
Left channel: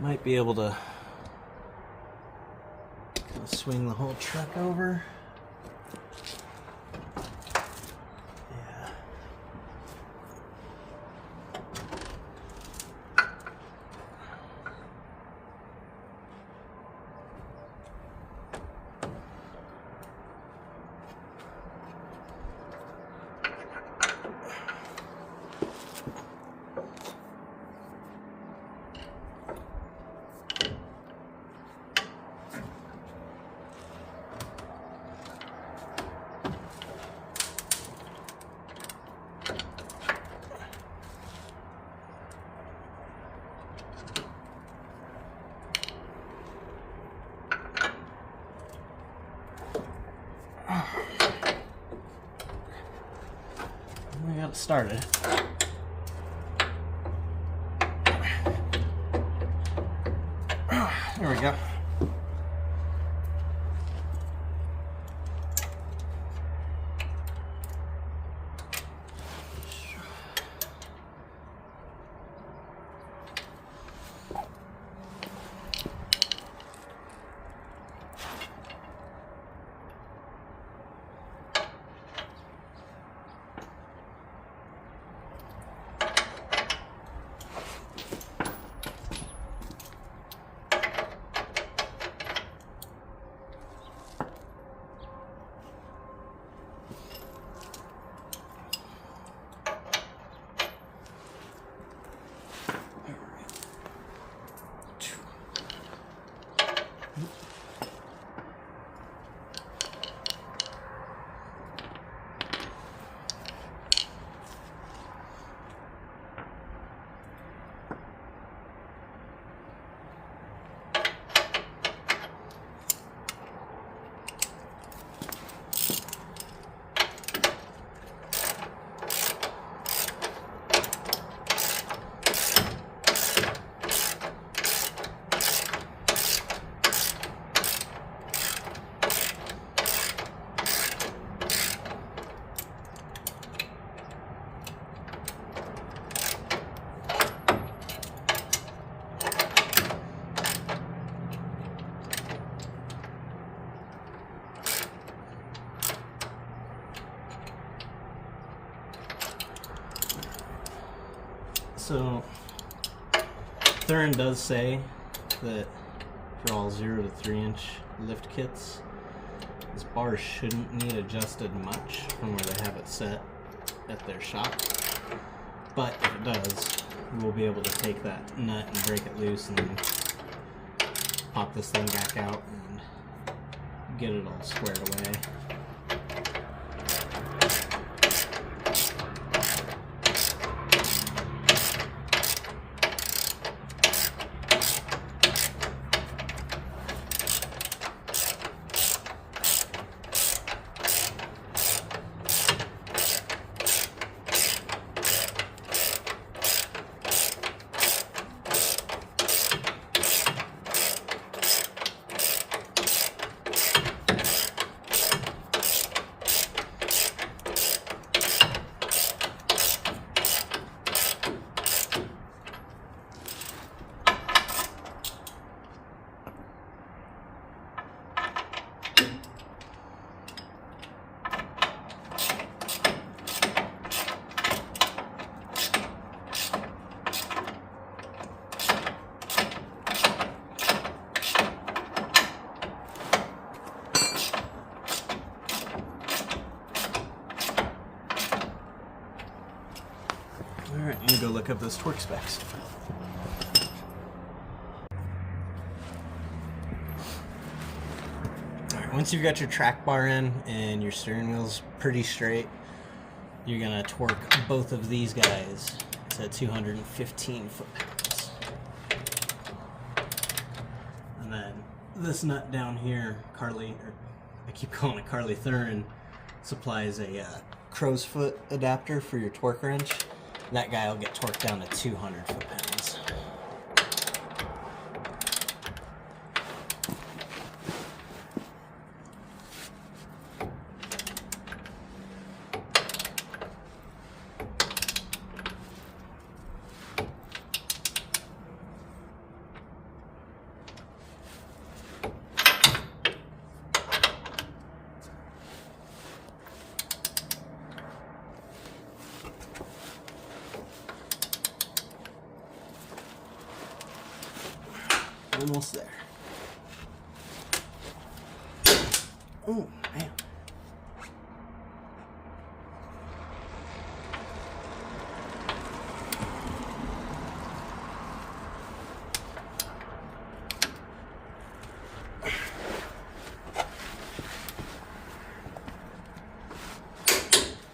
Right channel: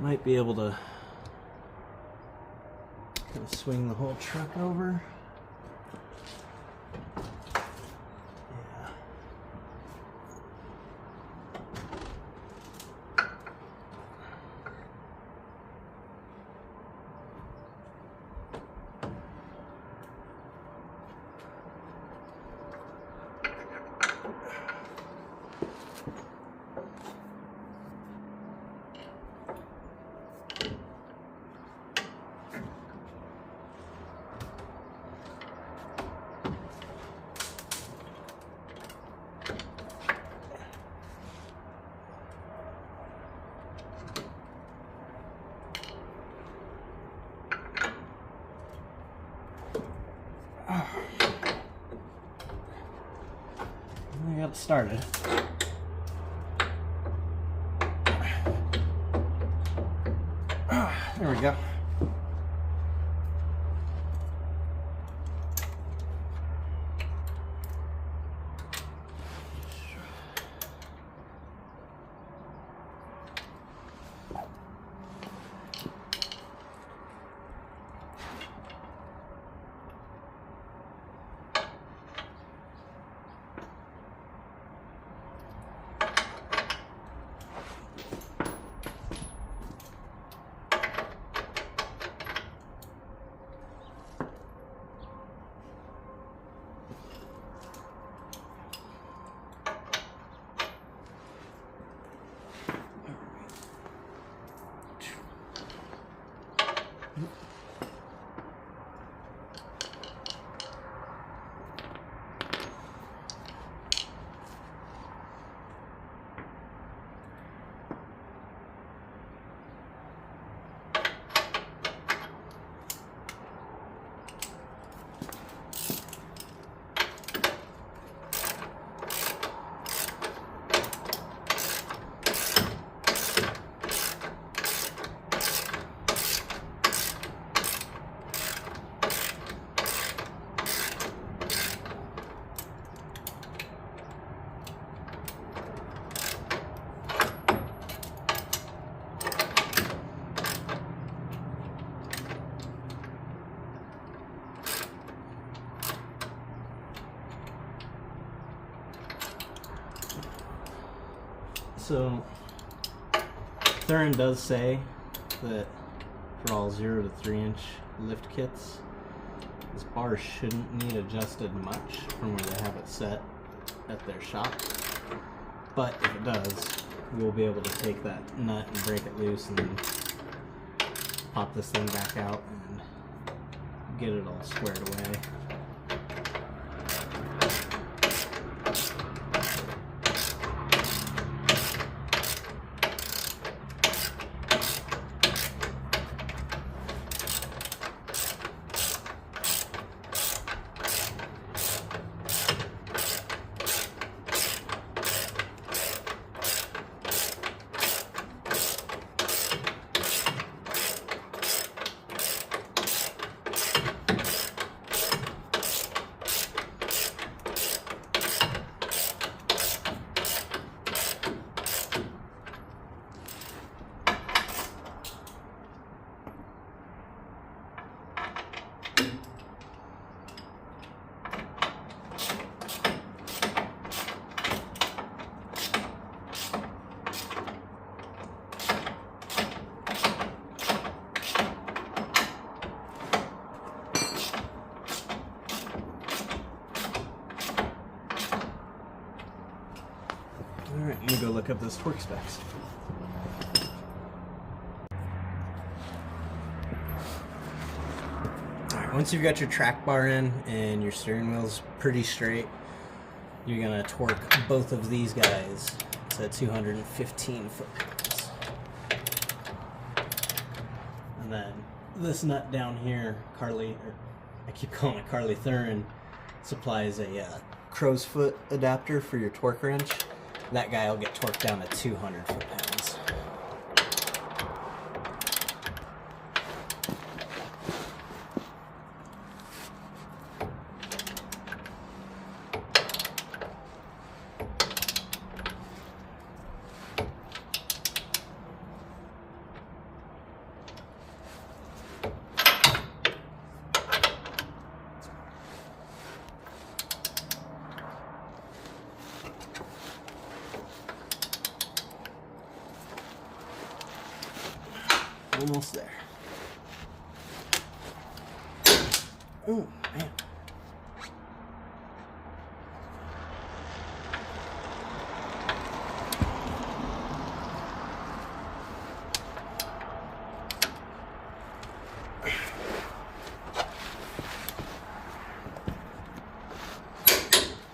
Might be able to kind of swing the whole truck over. Yeah. I got it started. There we go. So Thuren does say that for all 0 to 3 inch lift kits, this bar shouldn't need adjusted much from where they have it set at their shop. But if it does, we'll be able to take that nut and break it loose and then pop this thing back out and get it all squared away. Alright, I'm going to go look up those torque specs. Alright, once you've got your track bar in and your steering wheel's pretty straight, you're going to torque both of these guys to 215 foot-pounds. And then this nut down here, I keep calling it Carly Thuren, supplies a crow's foot adapter for your torque wrench. That guy will get torqued down to 200 foot-pounds. Almost there. Oh, man.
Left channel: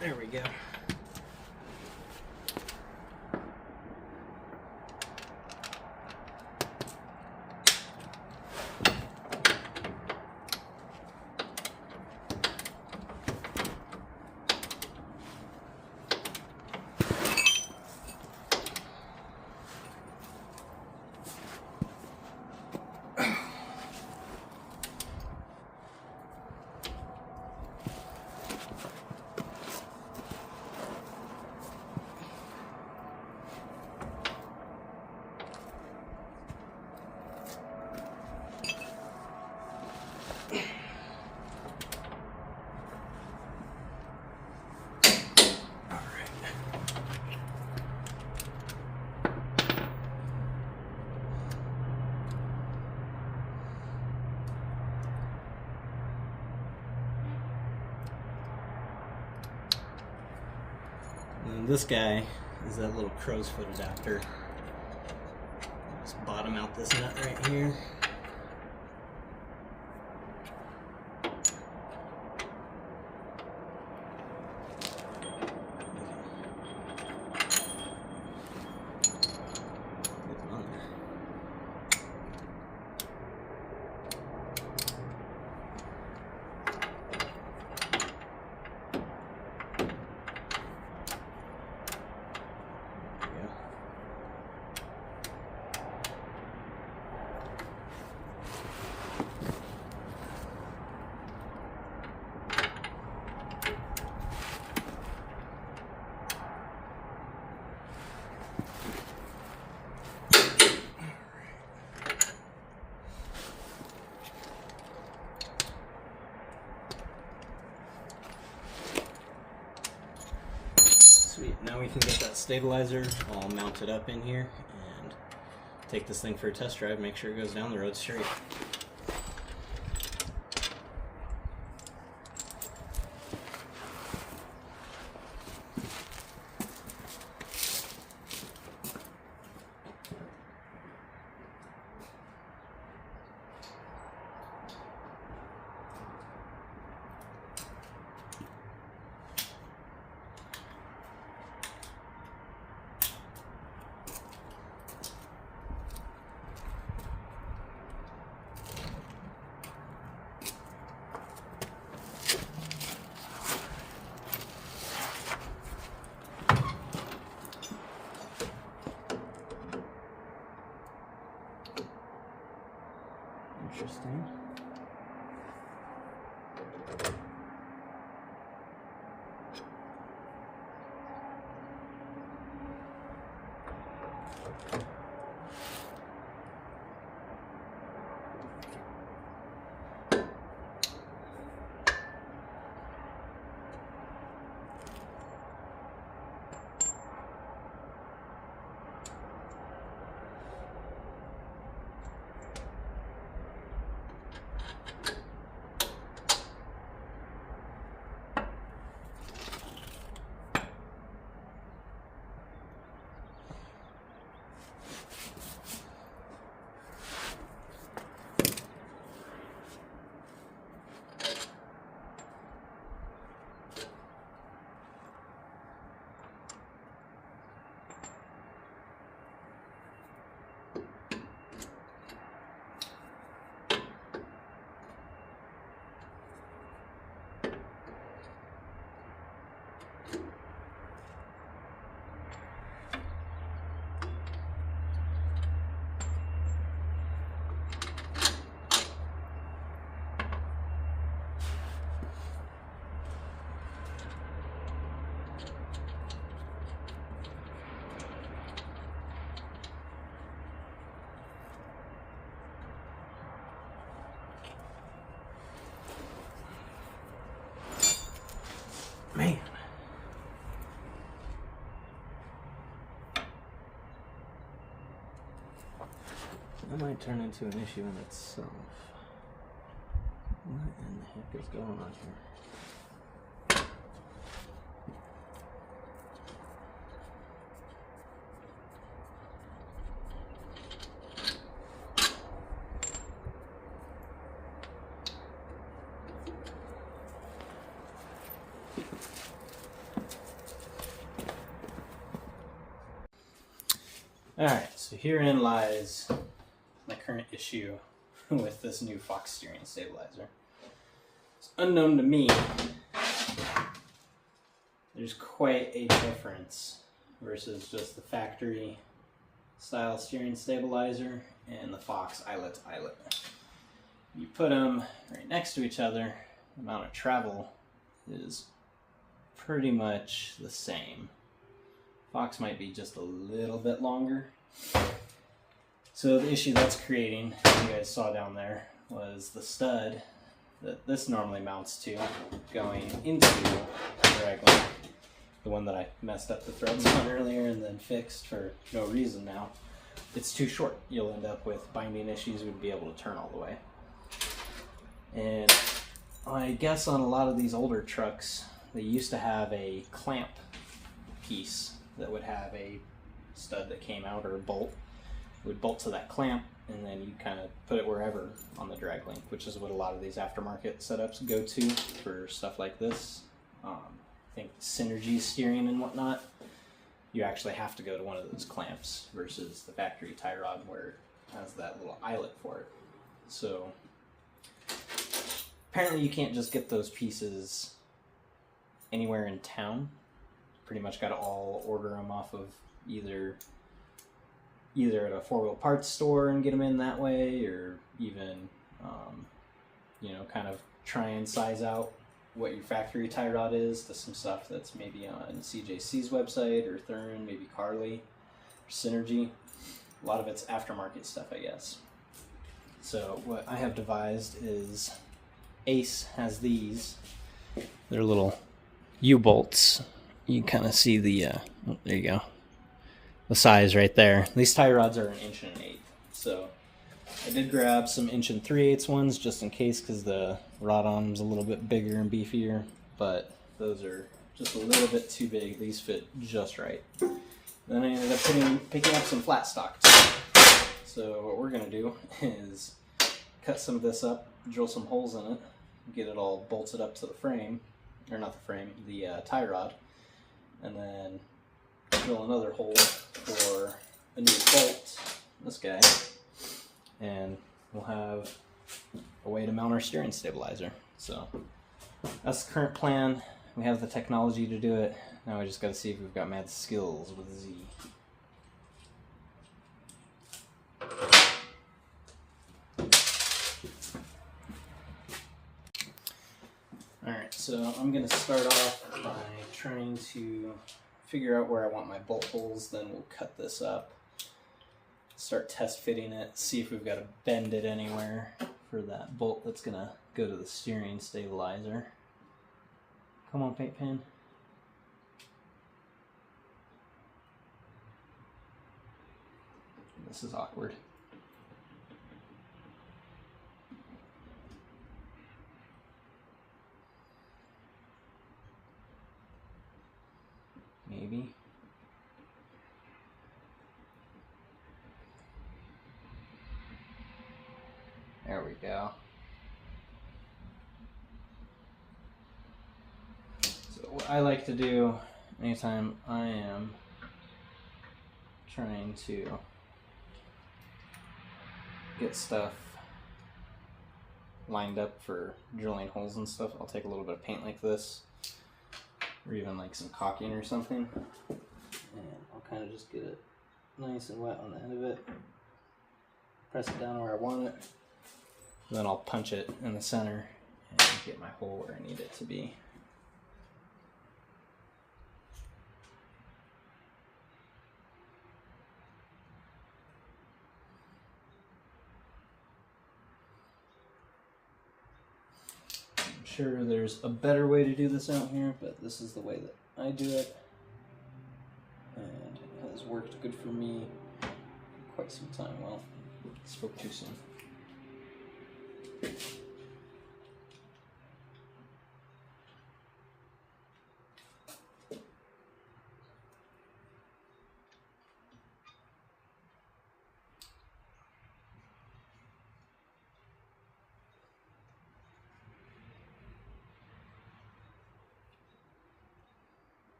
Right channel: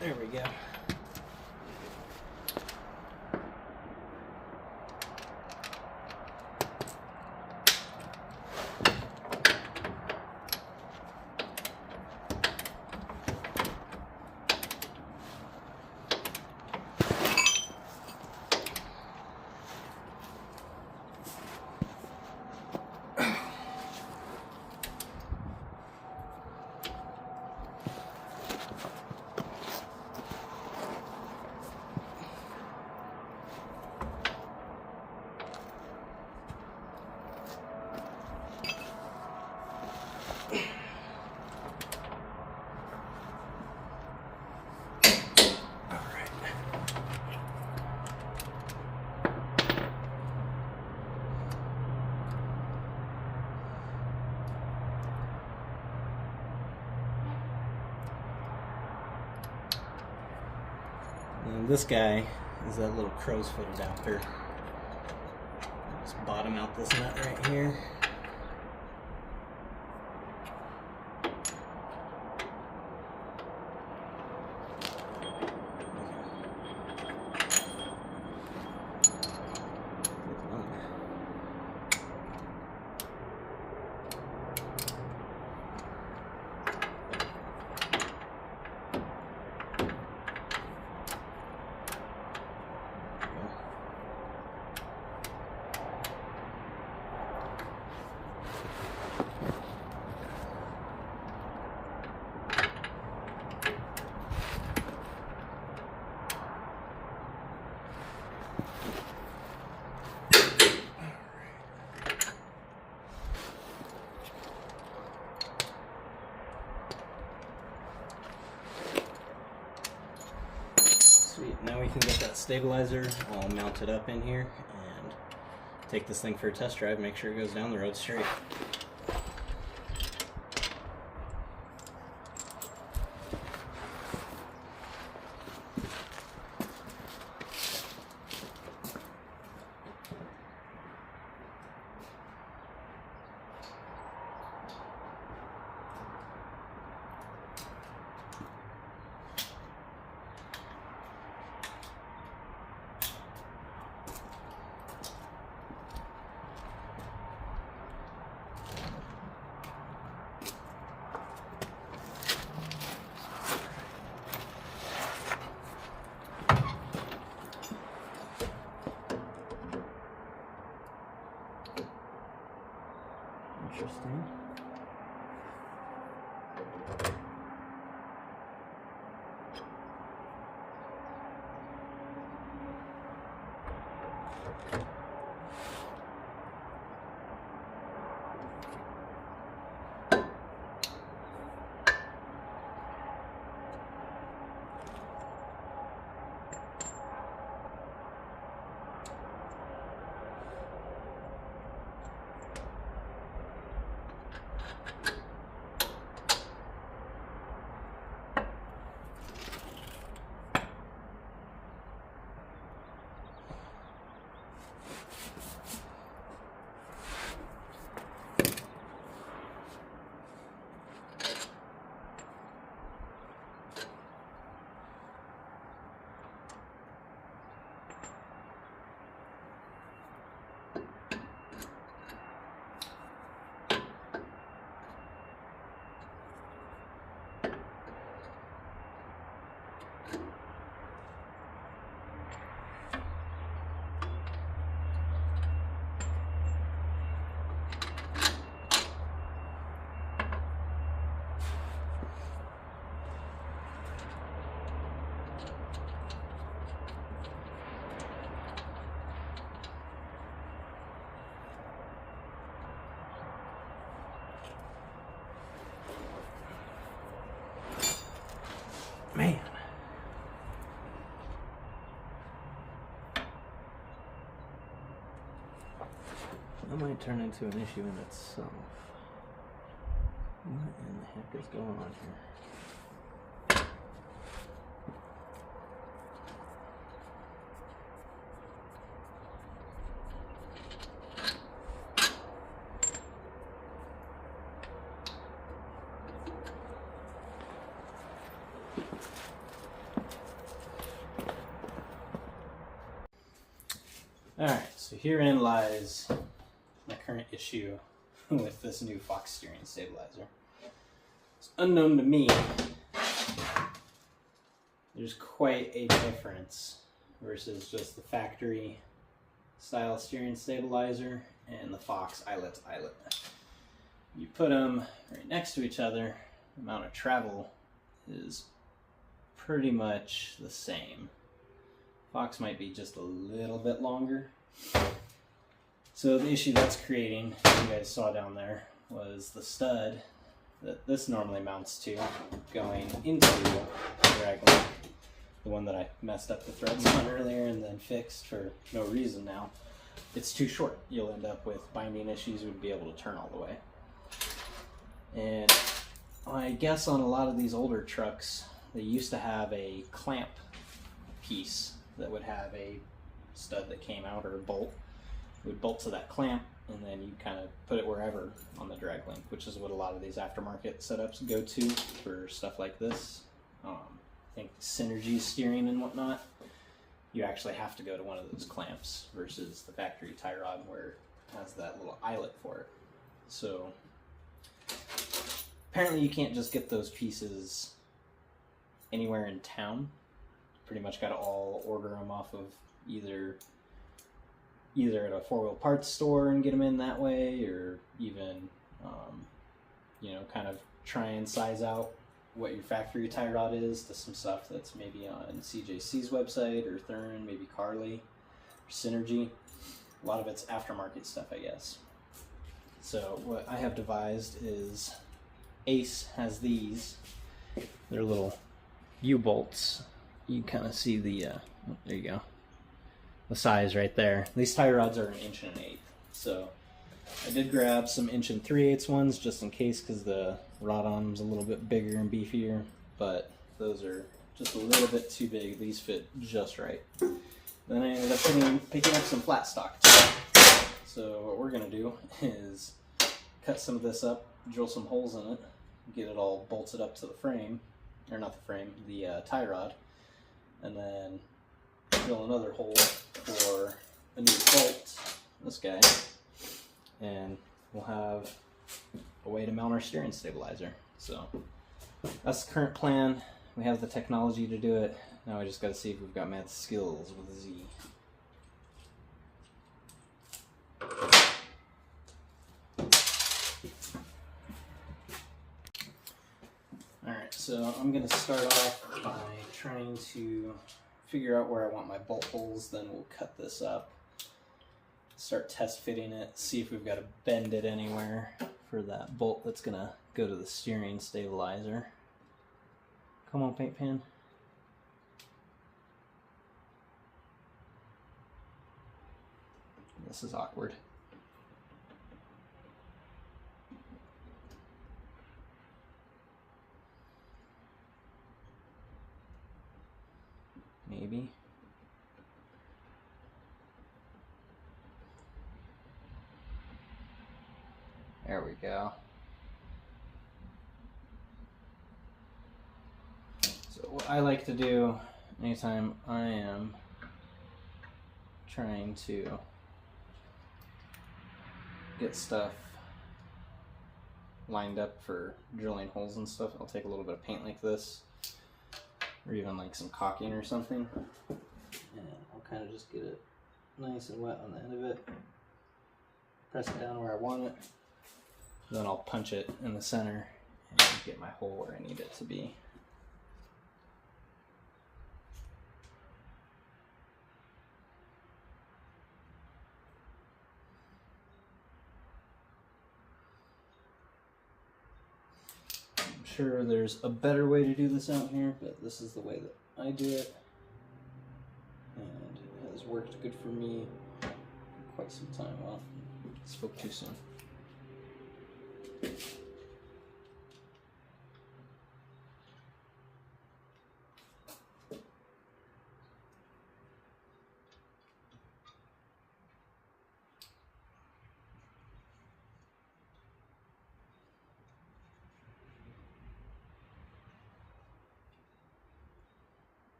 There we go. And this guy is that little crow's foot adapter. Just bottom out this nut right here. Sweet, now we can get that stabilizer all mounted up in here and take this thing for a test drive, make sure it goes down the road straight. Interesting. Man. That might turn into an issue in itself. What in the heck is going on here? Alright, so herein lies my current issue with this new Fox steering stabilizer. It's unknown to me. There's quite a difference versus just the factory style steering stabilizer and the Fox eyelet to eyelet. You put them right next to each other, the amount of travel is pretty much the same. Fox might be just a little bit longer. So the issue that's creating, you guys saw down there, was the stud that this normally mounts to going into the drag link. The one that I messed up the threads on earlier and then fixed for no reason now. It's too short. You'll end up with binding issues, wouldn't be able to turn all the way. And I guess on a lot of these older trucks, they used to have a clamp piece that would have a stud that came out, or a bolt. It would bolt to that clamp, and then you kind of put it wherever on the drag link, which is what a lot of these aftermarket setups go to for stuff like this. I think synergy steering and whatnot, you actually have to go to one of those clamps versus the factory tie rod where it has that little eyelet for it. So apparently you can't just get those pieces anywhere in town. Pretty much got to all order them off of either at a four-wheel parts store and get them in that way, or even you know, kind of try and size out what your factory tie rod is to some stuff that's maybe on CJC's website, or Thuren, maybe Carly, or Synergy. A lot of it's aftermarket stuff, I guess. So what I have devised is Ace has these. They're little U-bolts. You can kind of see the, there you go, the size right there. These tie rods are 1 1/8 inches. So I did grab some 1 3/8 ones just in case, because the rod on them's a little bit bigger and beefier, but those are just a little bit too big. These fit just right. Then I ended up picking up some flat stock too. So what we're gonna do is cut some of this up, drill some holes in it, get it all bolted up to the frame, or not the frame, the tie rod, and then drill another hole for a new bolt, this guy, and we'll have a way to mount our steering stabilizer. So that's the current plan. We have the technology to do it. Now we just got to see if we've got mad skills with Z. Alright, so I'm going to start off by trying to figure out where I want my bolt holes, then we'll cut this up, start test fitting it, see if we've got to bend it anywhere for that bolt that's going to go to the steering stabilizer. Come on, paint pen. This is awkward. Maybe. There we go. So what I like to do anytime I am trying to get stuff lined up for drilling holes and stuff, I'll take a little bit of paint like this, or even like some caulking or something, and I'll kind of just get it nice and wet on the end of it, press it down where I want it, then I'll punch it in the center and get my hole where I need it to be. I'm sure there's a better way to do this out here, but this is the way that I do it. And it has worked good for me for quite some time. Well, spoke too soon.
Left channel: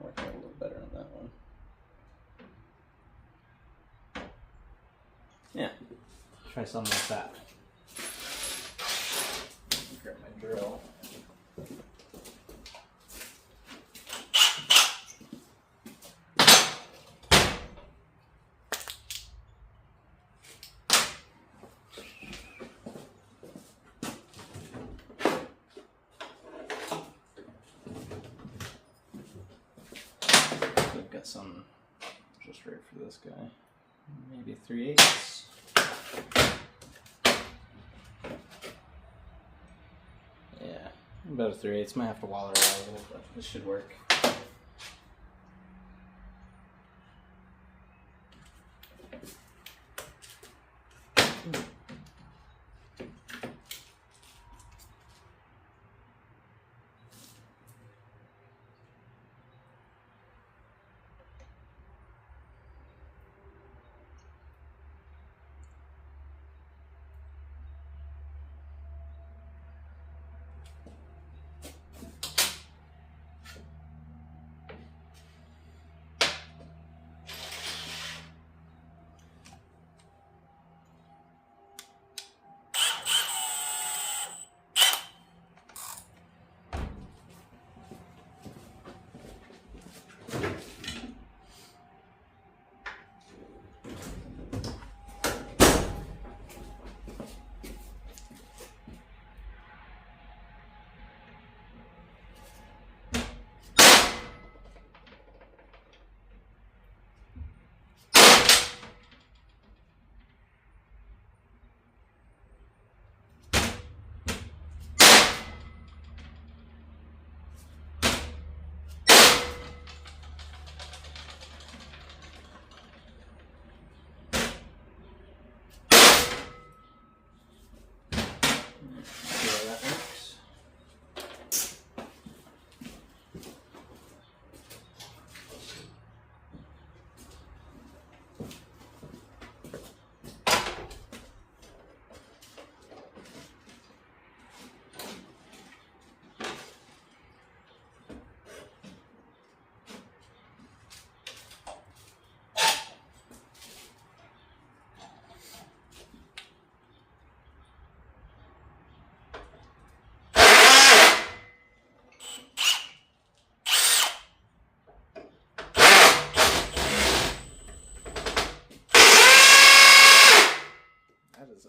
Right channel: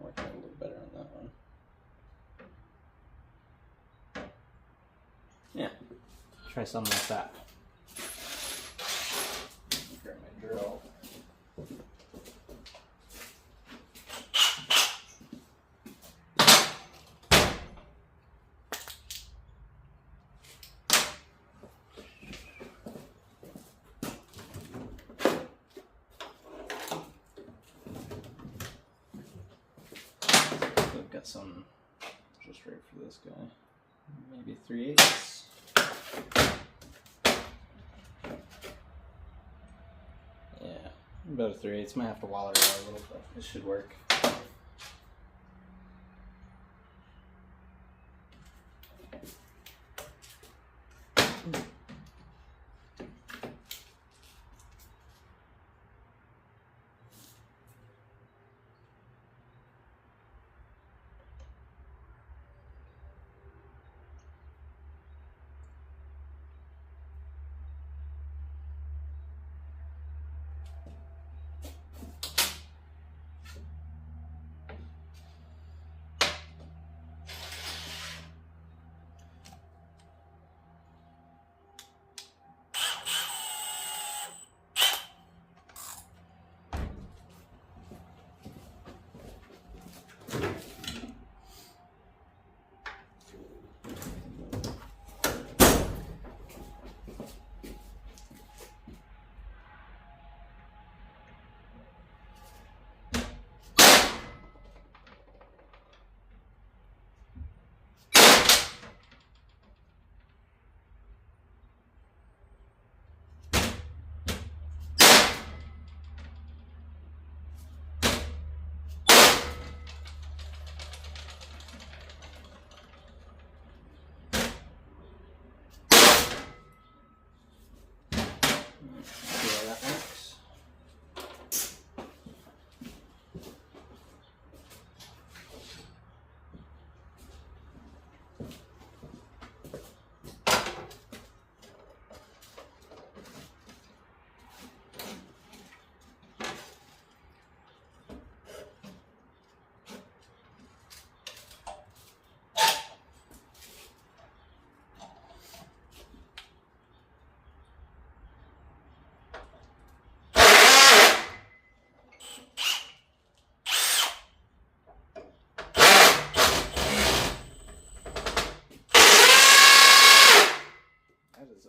Worked out a little better on that one. Yeah, try something like that. Grab my drill. Got some just right for this guy, maybe 3/8. Yeah, about a 3/8. Might have to wall it out a little, but this should work.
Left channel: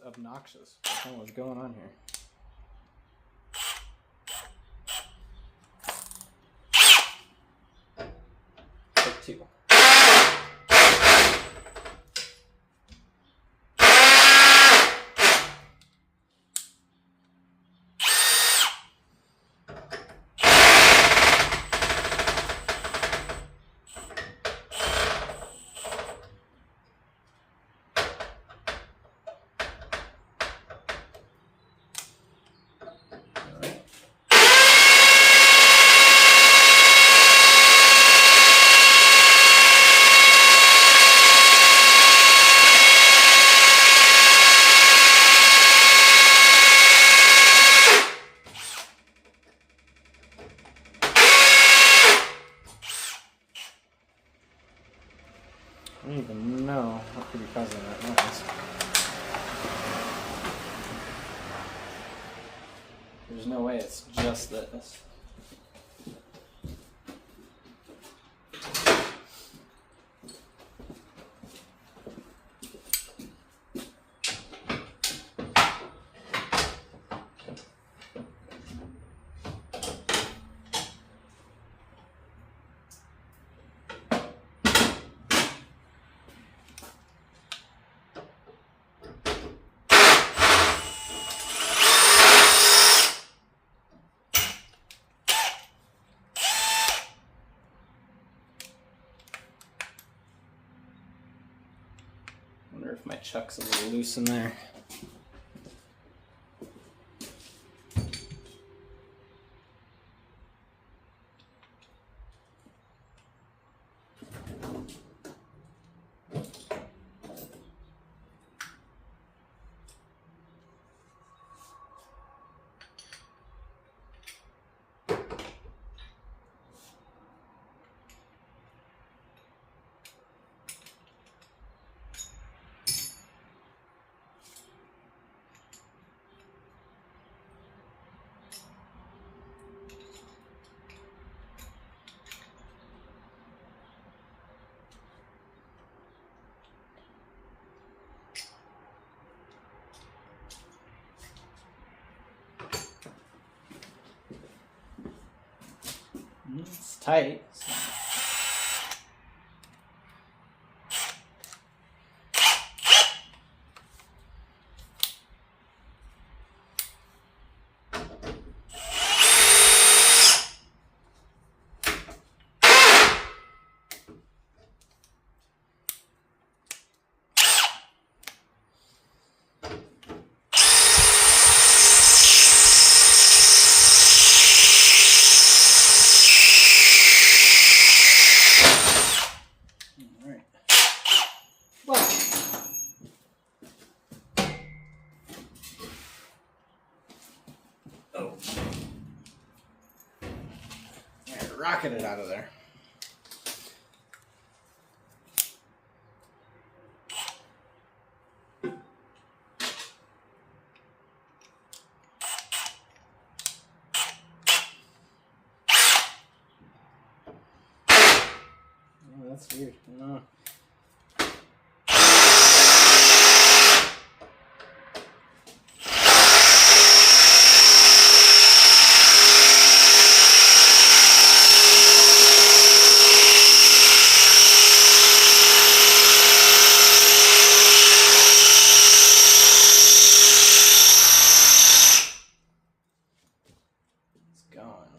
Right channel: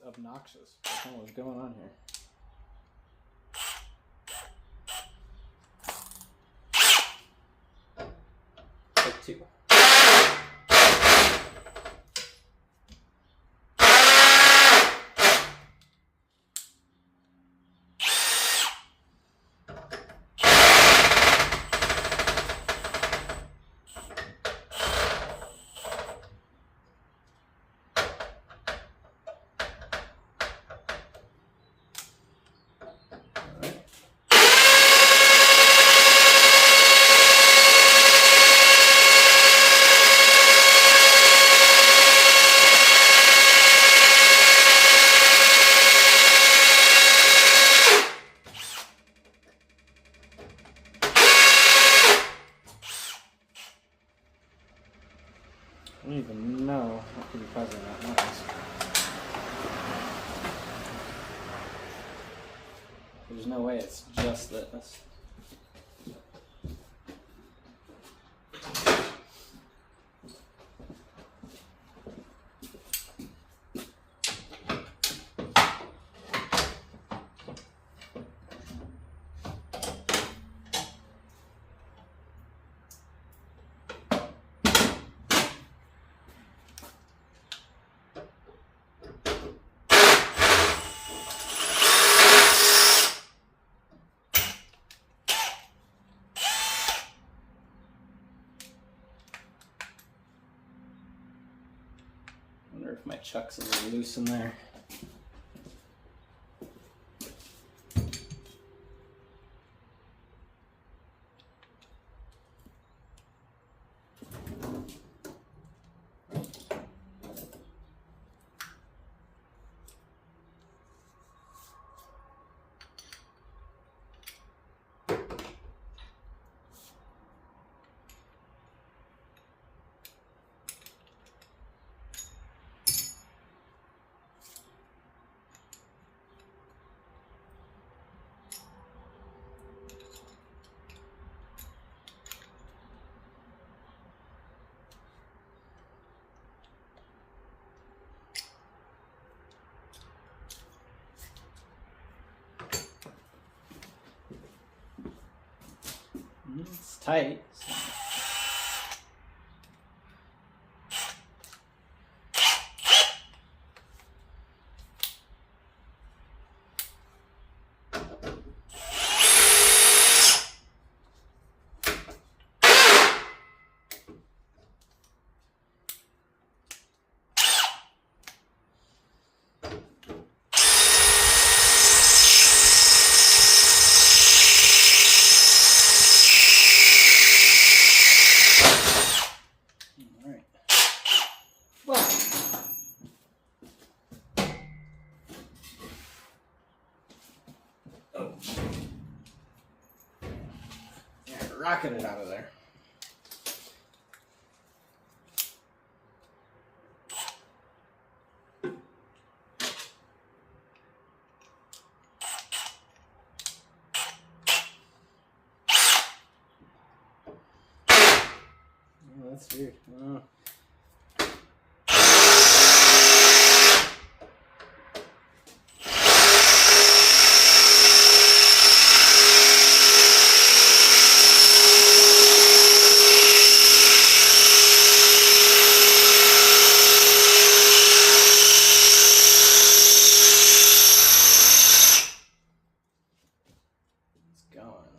Obnoxious. I don't know what's going on here. Take 2. I don't even know what could be causing that noise. test this. I wonder if my chuck's a little loose in there. It's tight. Rocking it out of there. Oh, that's weird. Oh.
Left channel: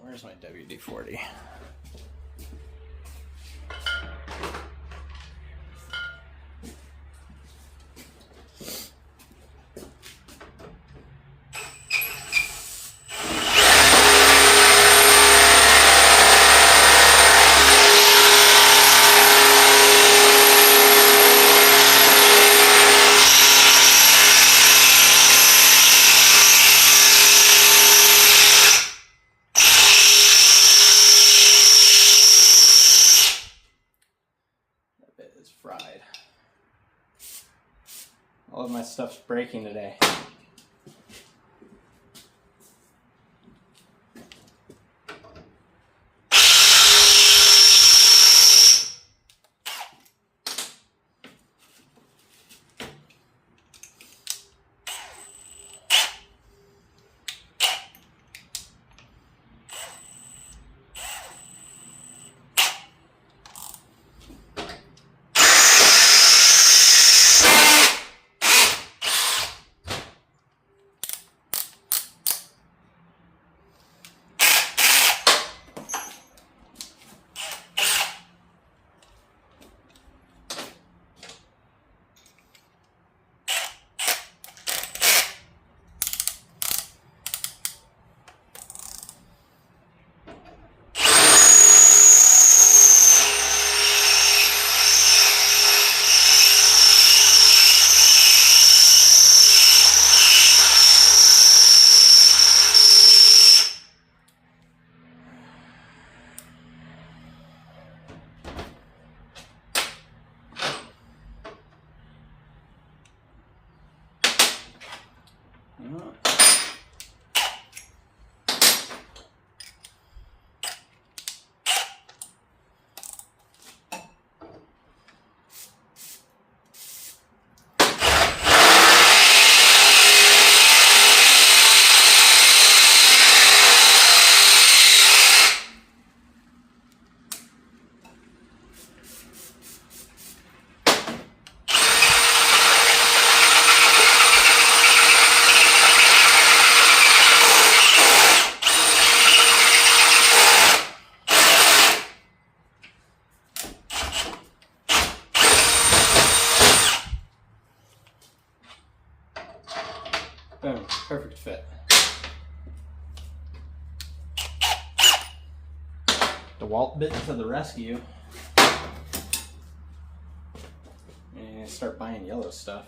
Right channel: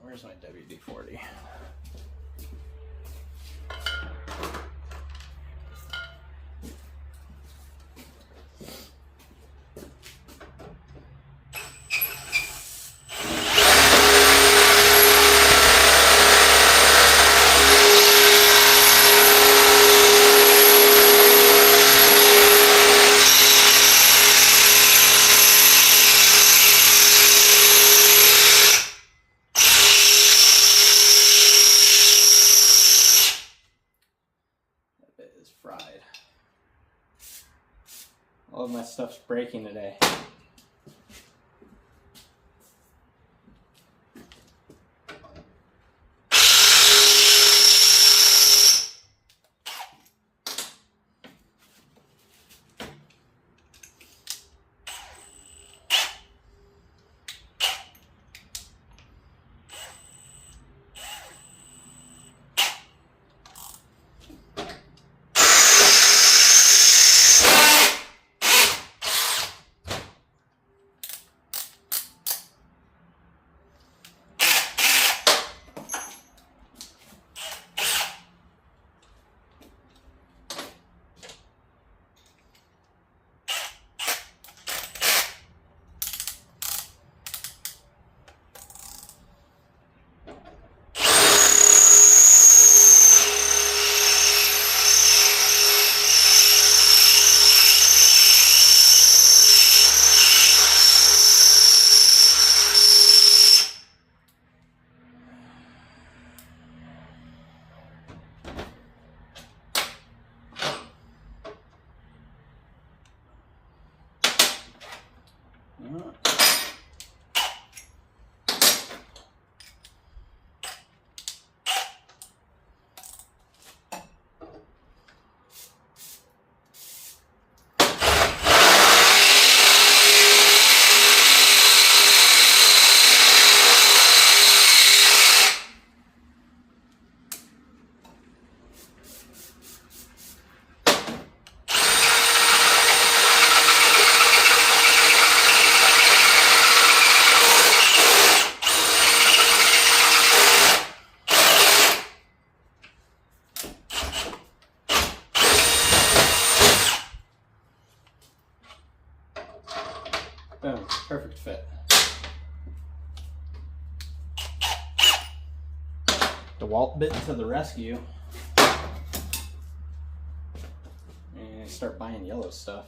Where's my WD-40? Fried. All of my stuff's breaking today. DeWalt bit to the rescue and start buying yellow stuff.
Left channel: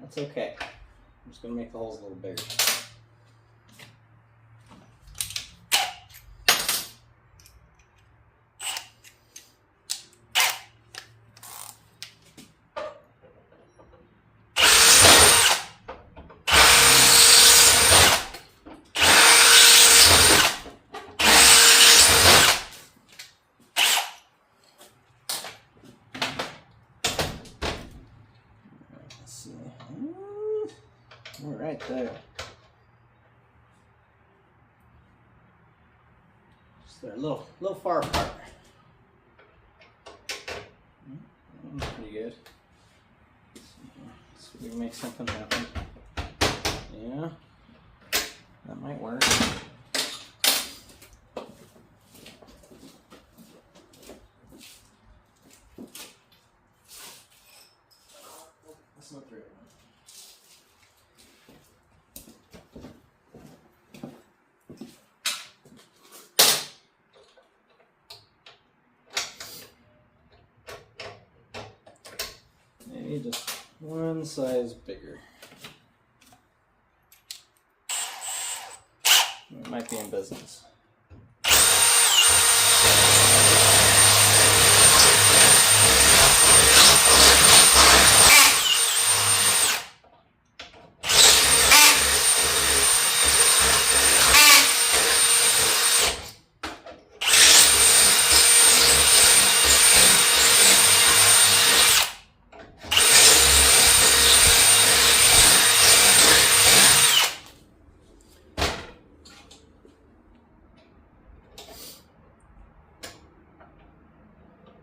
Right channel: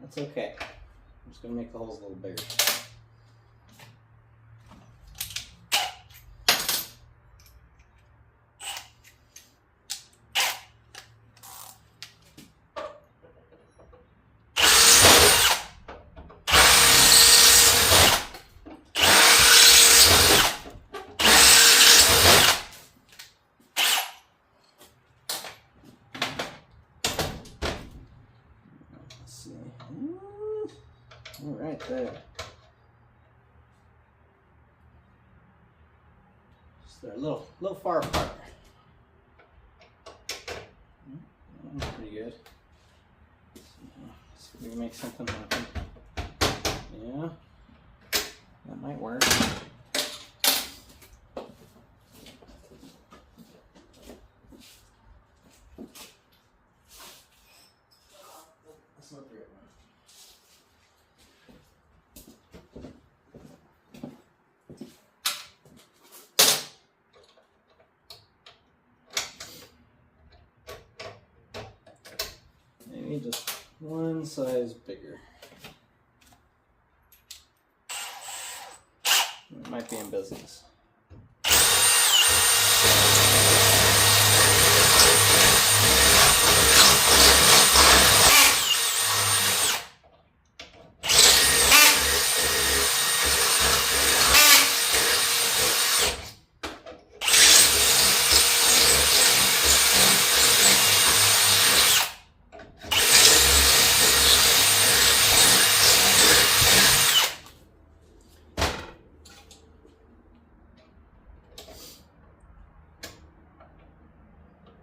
That's okay. I'm just going to make the holes a little bigger. All right, there. Just they're a little far apart. That's pretty good. So we make something happen. Yeah, that might work. That's not the right one. Maybe just one size bigger. It might be in business.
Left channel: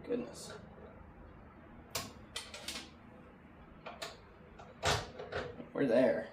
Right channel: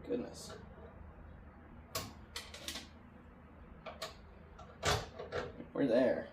Goodness. We're there.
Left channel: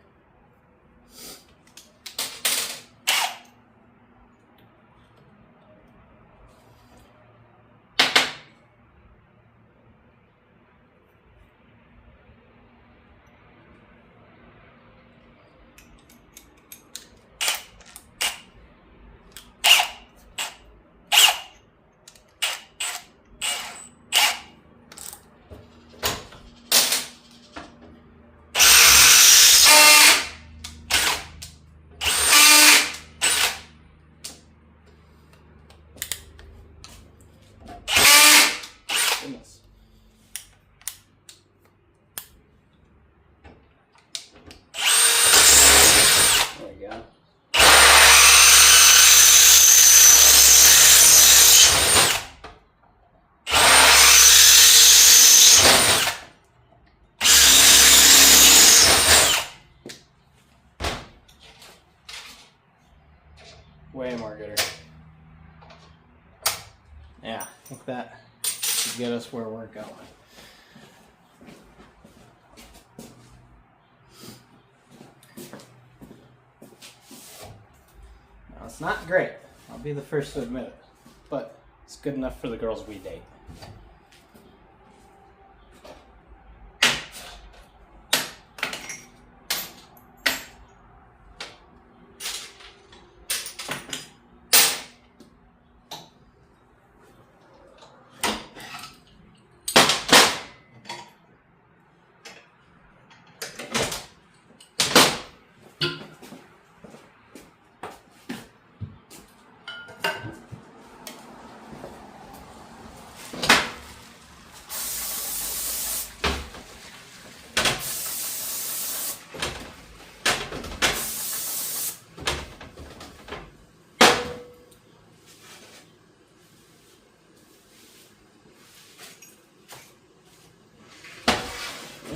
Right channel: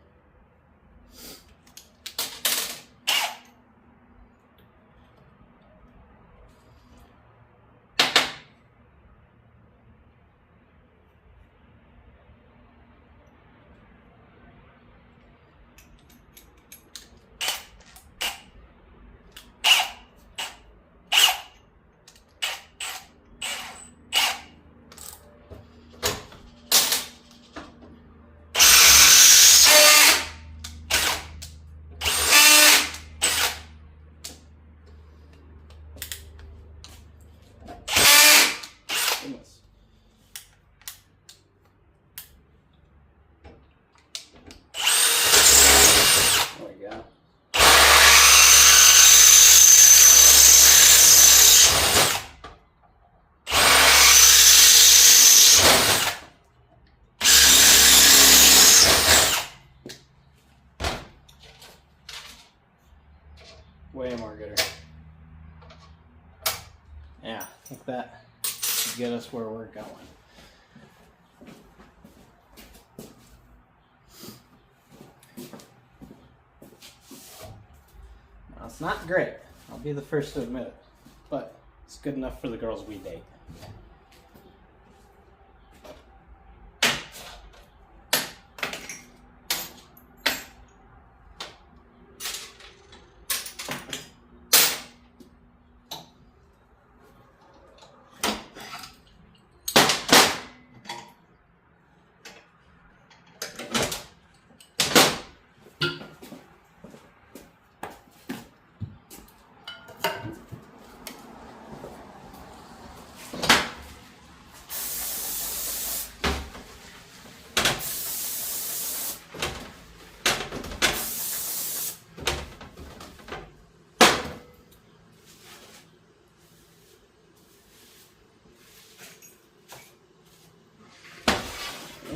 Way more gooder. Yeah, I think that should get us where we're going. Now, it's not great. I'll be the first to admit it. But it's good enough for the girls we date.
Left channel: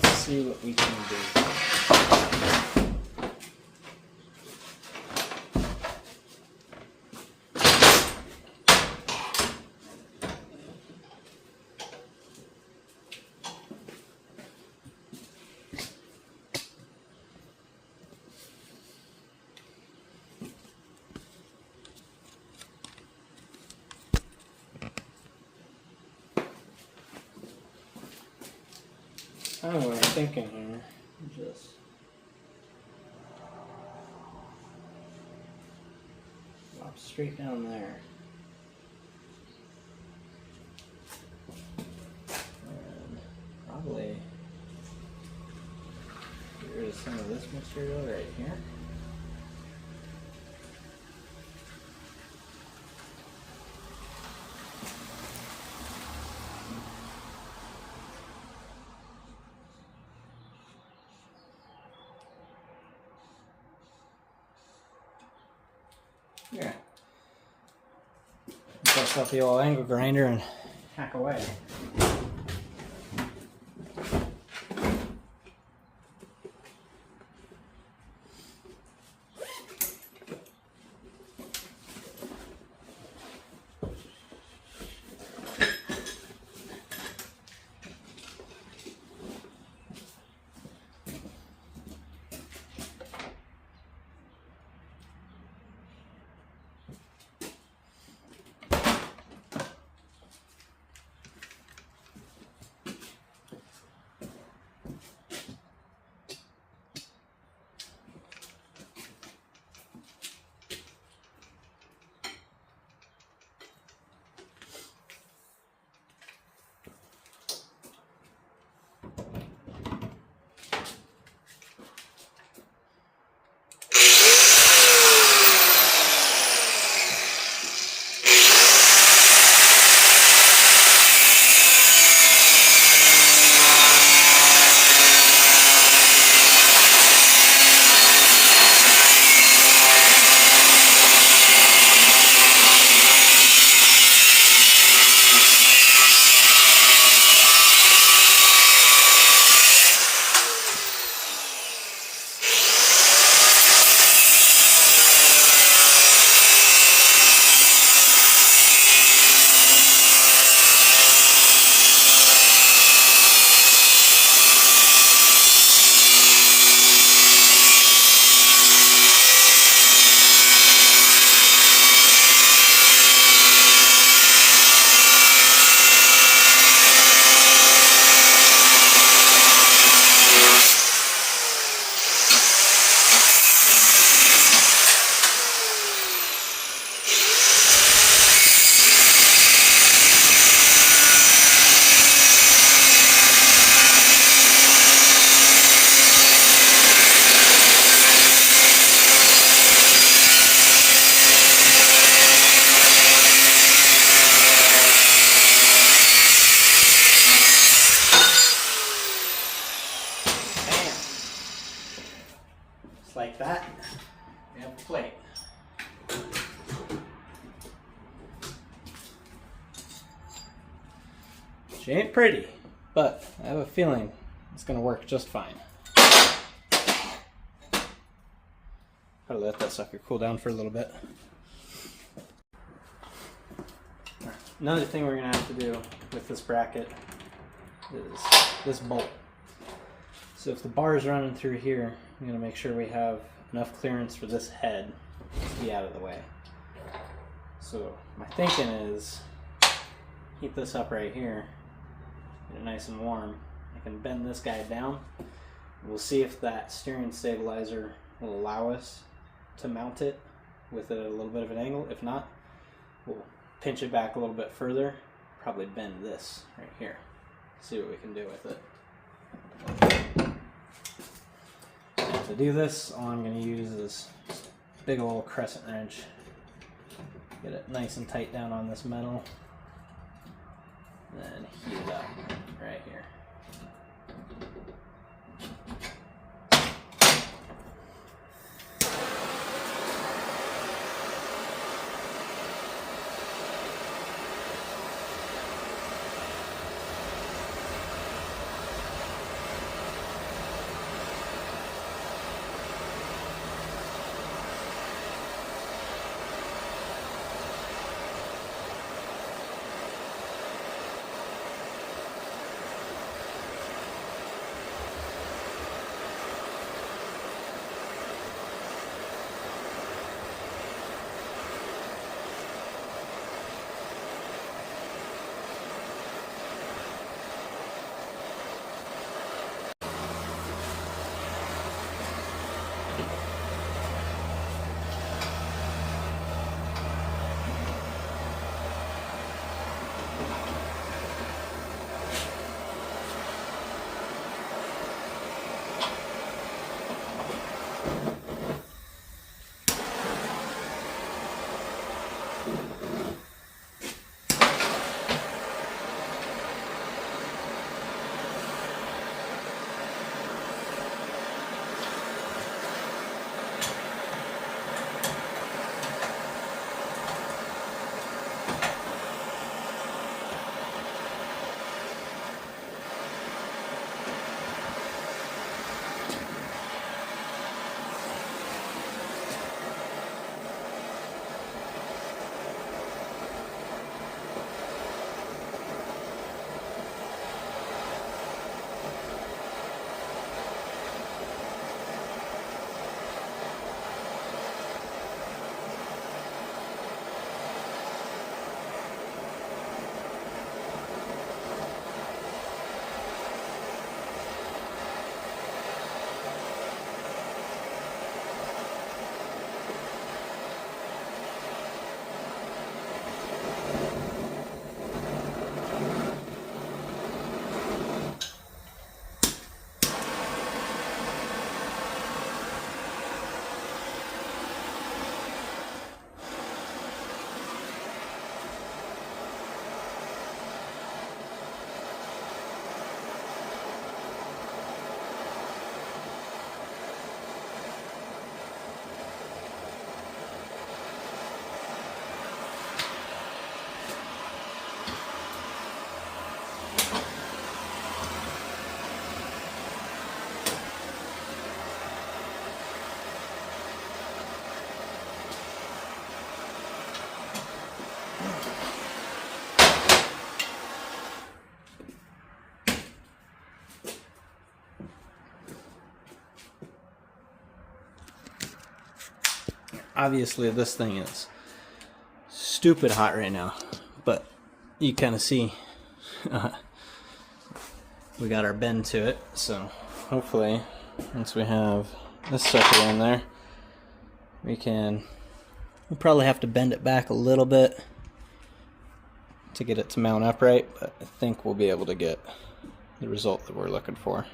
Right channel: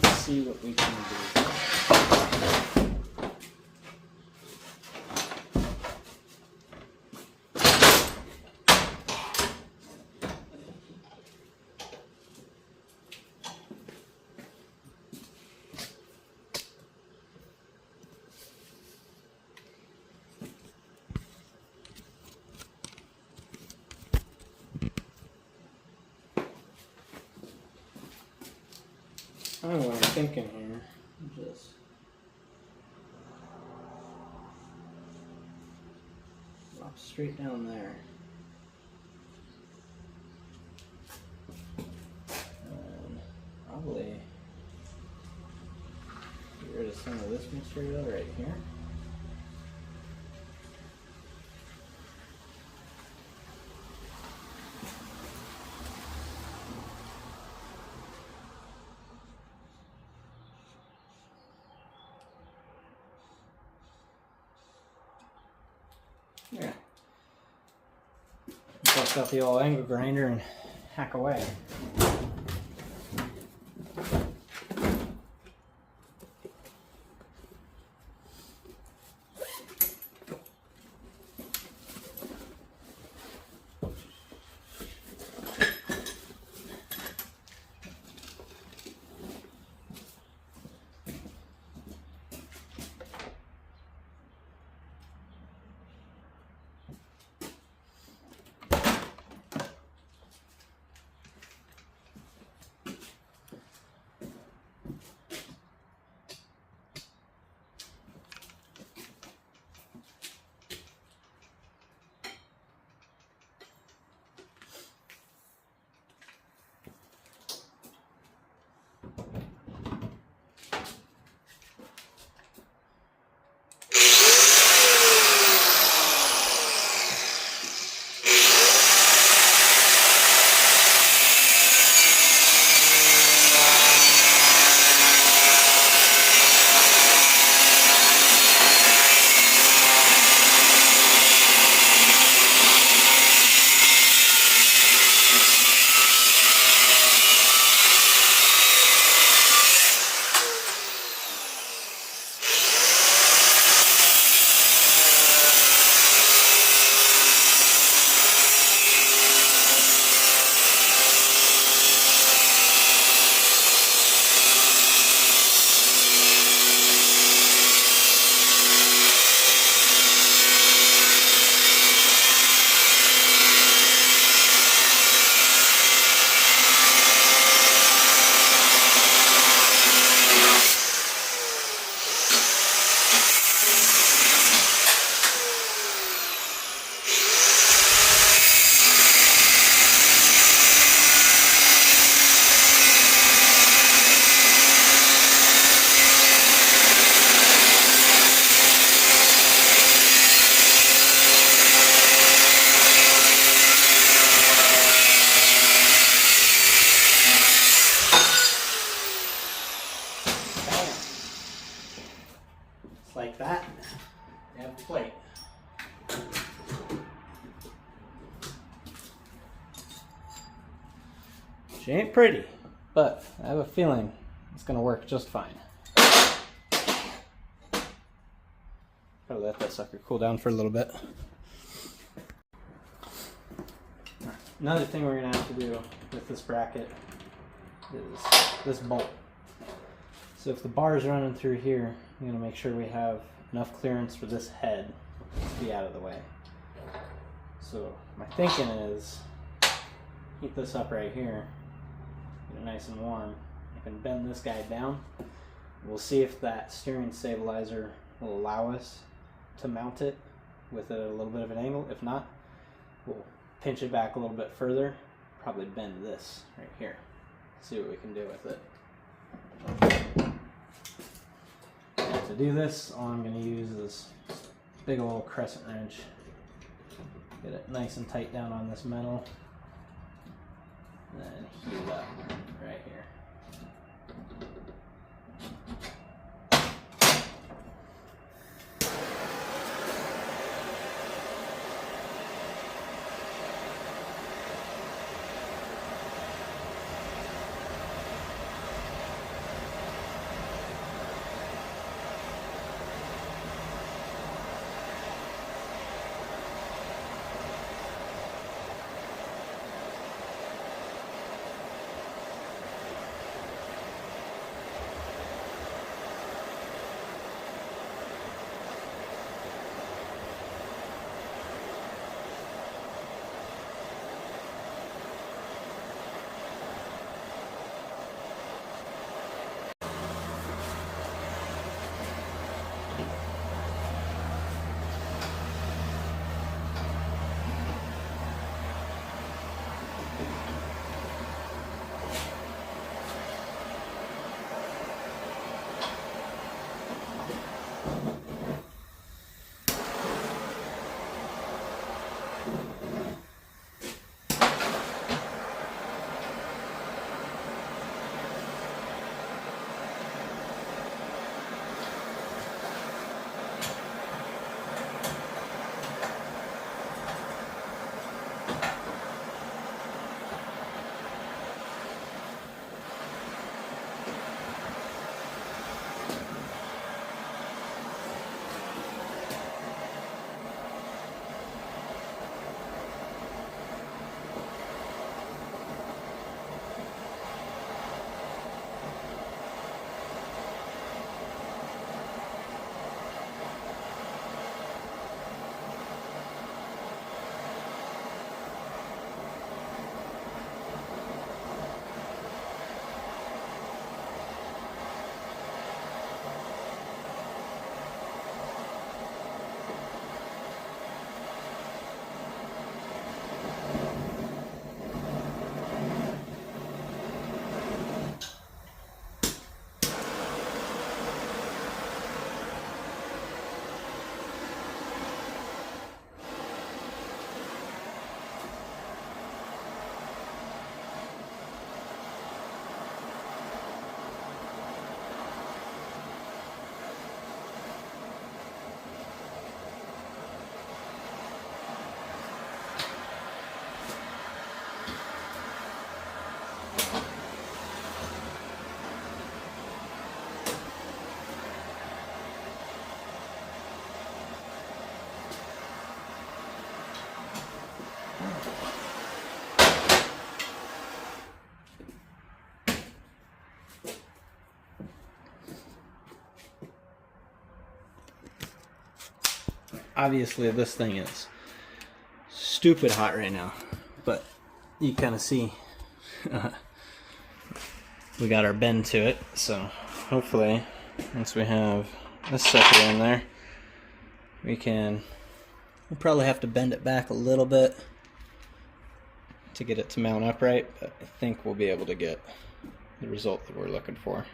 Let's see what we can do. I don't know what I'm thinking here. Just drop straight down there. And probably get rid of some of this material right here. Yeah. Bust out the old angle grinder and hack away. Like that, we have a plate. She ain't pretty, but I have a feeling it's gonna work just fine. Probably let that sucker cool down for a little bit. Another thing we're going to have to do with this bracket is this bolt. So if the bar is running through here, I'm going to make sure we have enough clearance for this head to be out of the way. So my thinking is heat this up right here, get it nice and warm. I can bend this guy down. We'll see if that steering stabilizer will allow us to mount it with it at a little bit of an angle. If not, we'll pinch it back a little bit further, probably bend this right here. See what we can do with it. And to do this, all I'm going to use is this big old crescent wrench. Get it nice and tight down on this metal. And then heat it up right here. Obviously this thing is stupid hot right now, but you kind of see we got our bend to it, so hopefully once we have this sucker in there, we'll probably have to bend it back a little bit to get it to mount upright, but I think we'll be able to get the result that we're looking for.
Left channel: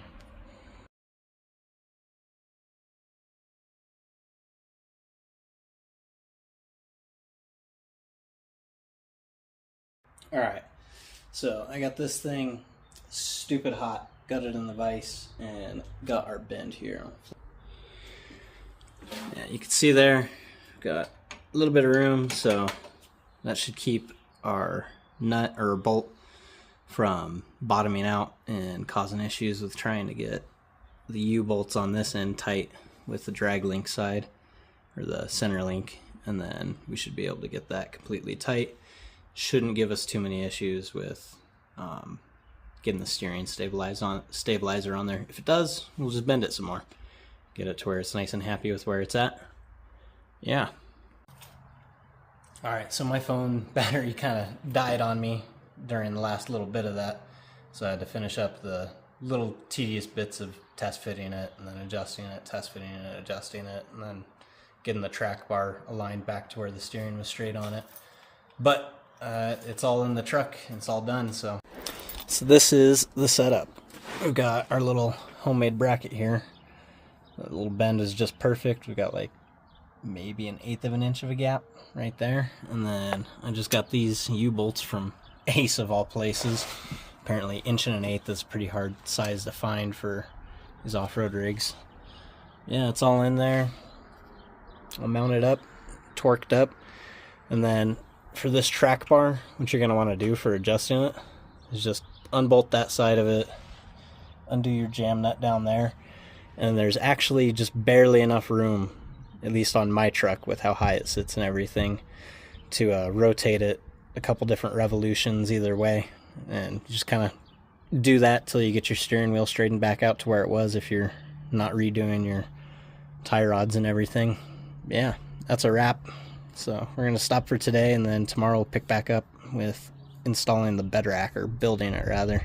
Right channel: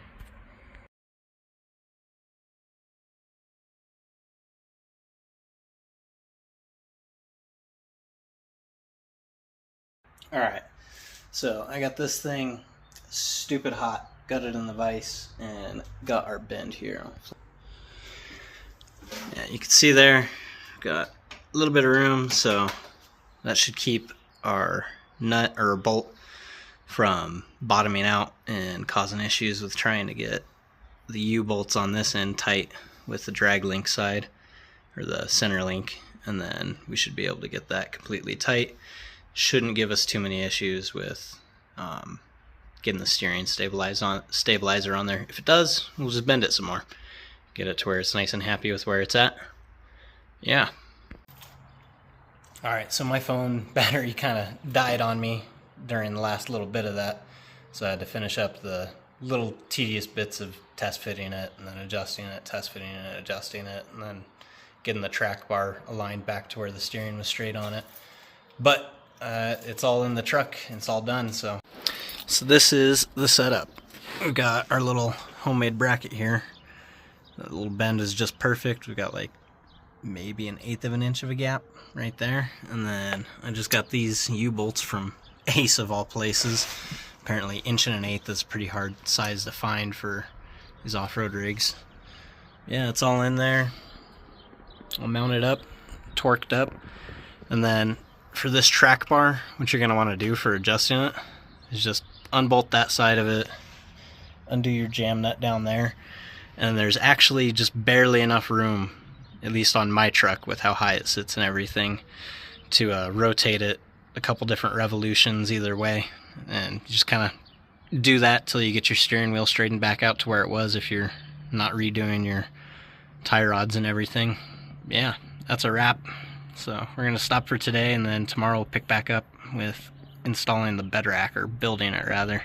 Alright, so I got this thing stupid hot, got it in the vise, and got our bend here. Yeah, you can see there, got a little bit of room, so that should keep our nut or bolt from bottoming out and causing issues with trying to get the U-bolts on this end tight with the drag link side, or the center link, and then we should be able to get that completely tight shouldn't give us too many issues with getting the steering stabilizer on there. If it does, we'll just bend it some more, get it to where it's nice and happy with where it's at. Yeah. All right, so my phone battery kind of died on me during the last little bit of that, so I had to finish up the little tedious bits of test fitting it, and then adjusting it, test fitting it, adjusting it, and then getting the track bar aligned back to where the steering was straight on it. But it's all in the truck, and it's all done. So this is the setup. We've got our little homemade bracket here. The little bend is just perfect. We've got like maybe 1/8 of an inch of a gap right there, and then I just got these U-bolts from Ace of all places. Apparently 1.1/8 is a pretty hard size to find for these off-road rigs. Yeah, it's all in there. I'll mount it up, torqued up, and then for this track bar, what you're going to want to do for adjusting it is just unbolt that side of it, undo your jam nut down there, and there's actually just barely enough room, at least on my truck with how high it sits and everything, to rotate it a couple different revolutions either way, and just kind of do that till you get your steering wheel straightened back out to where it was if you're not redoing your tie rods and everything. Yeah, that's a wrap. So we're going to stop for today, and then tomorrow we'll pick back up with installing the bed rack, or building it rather.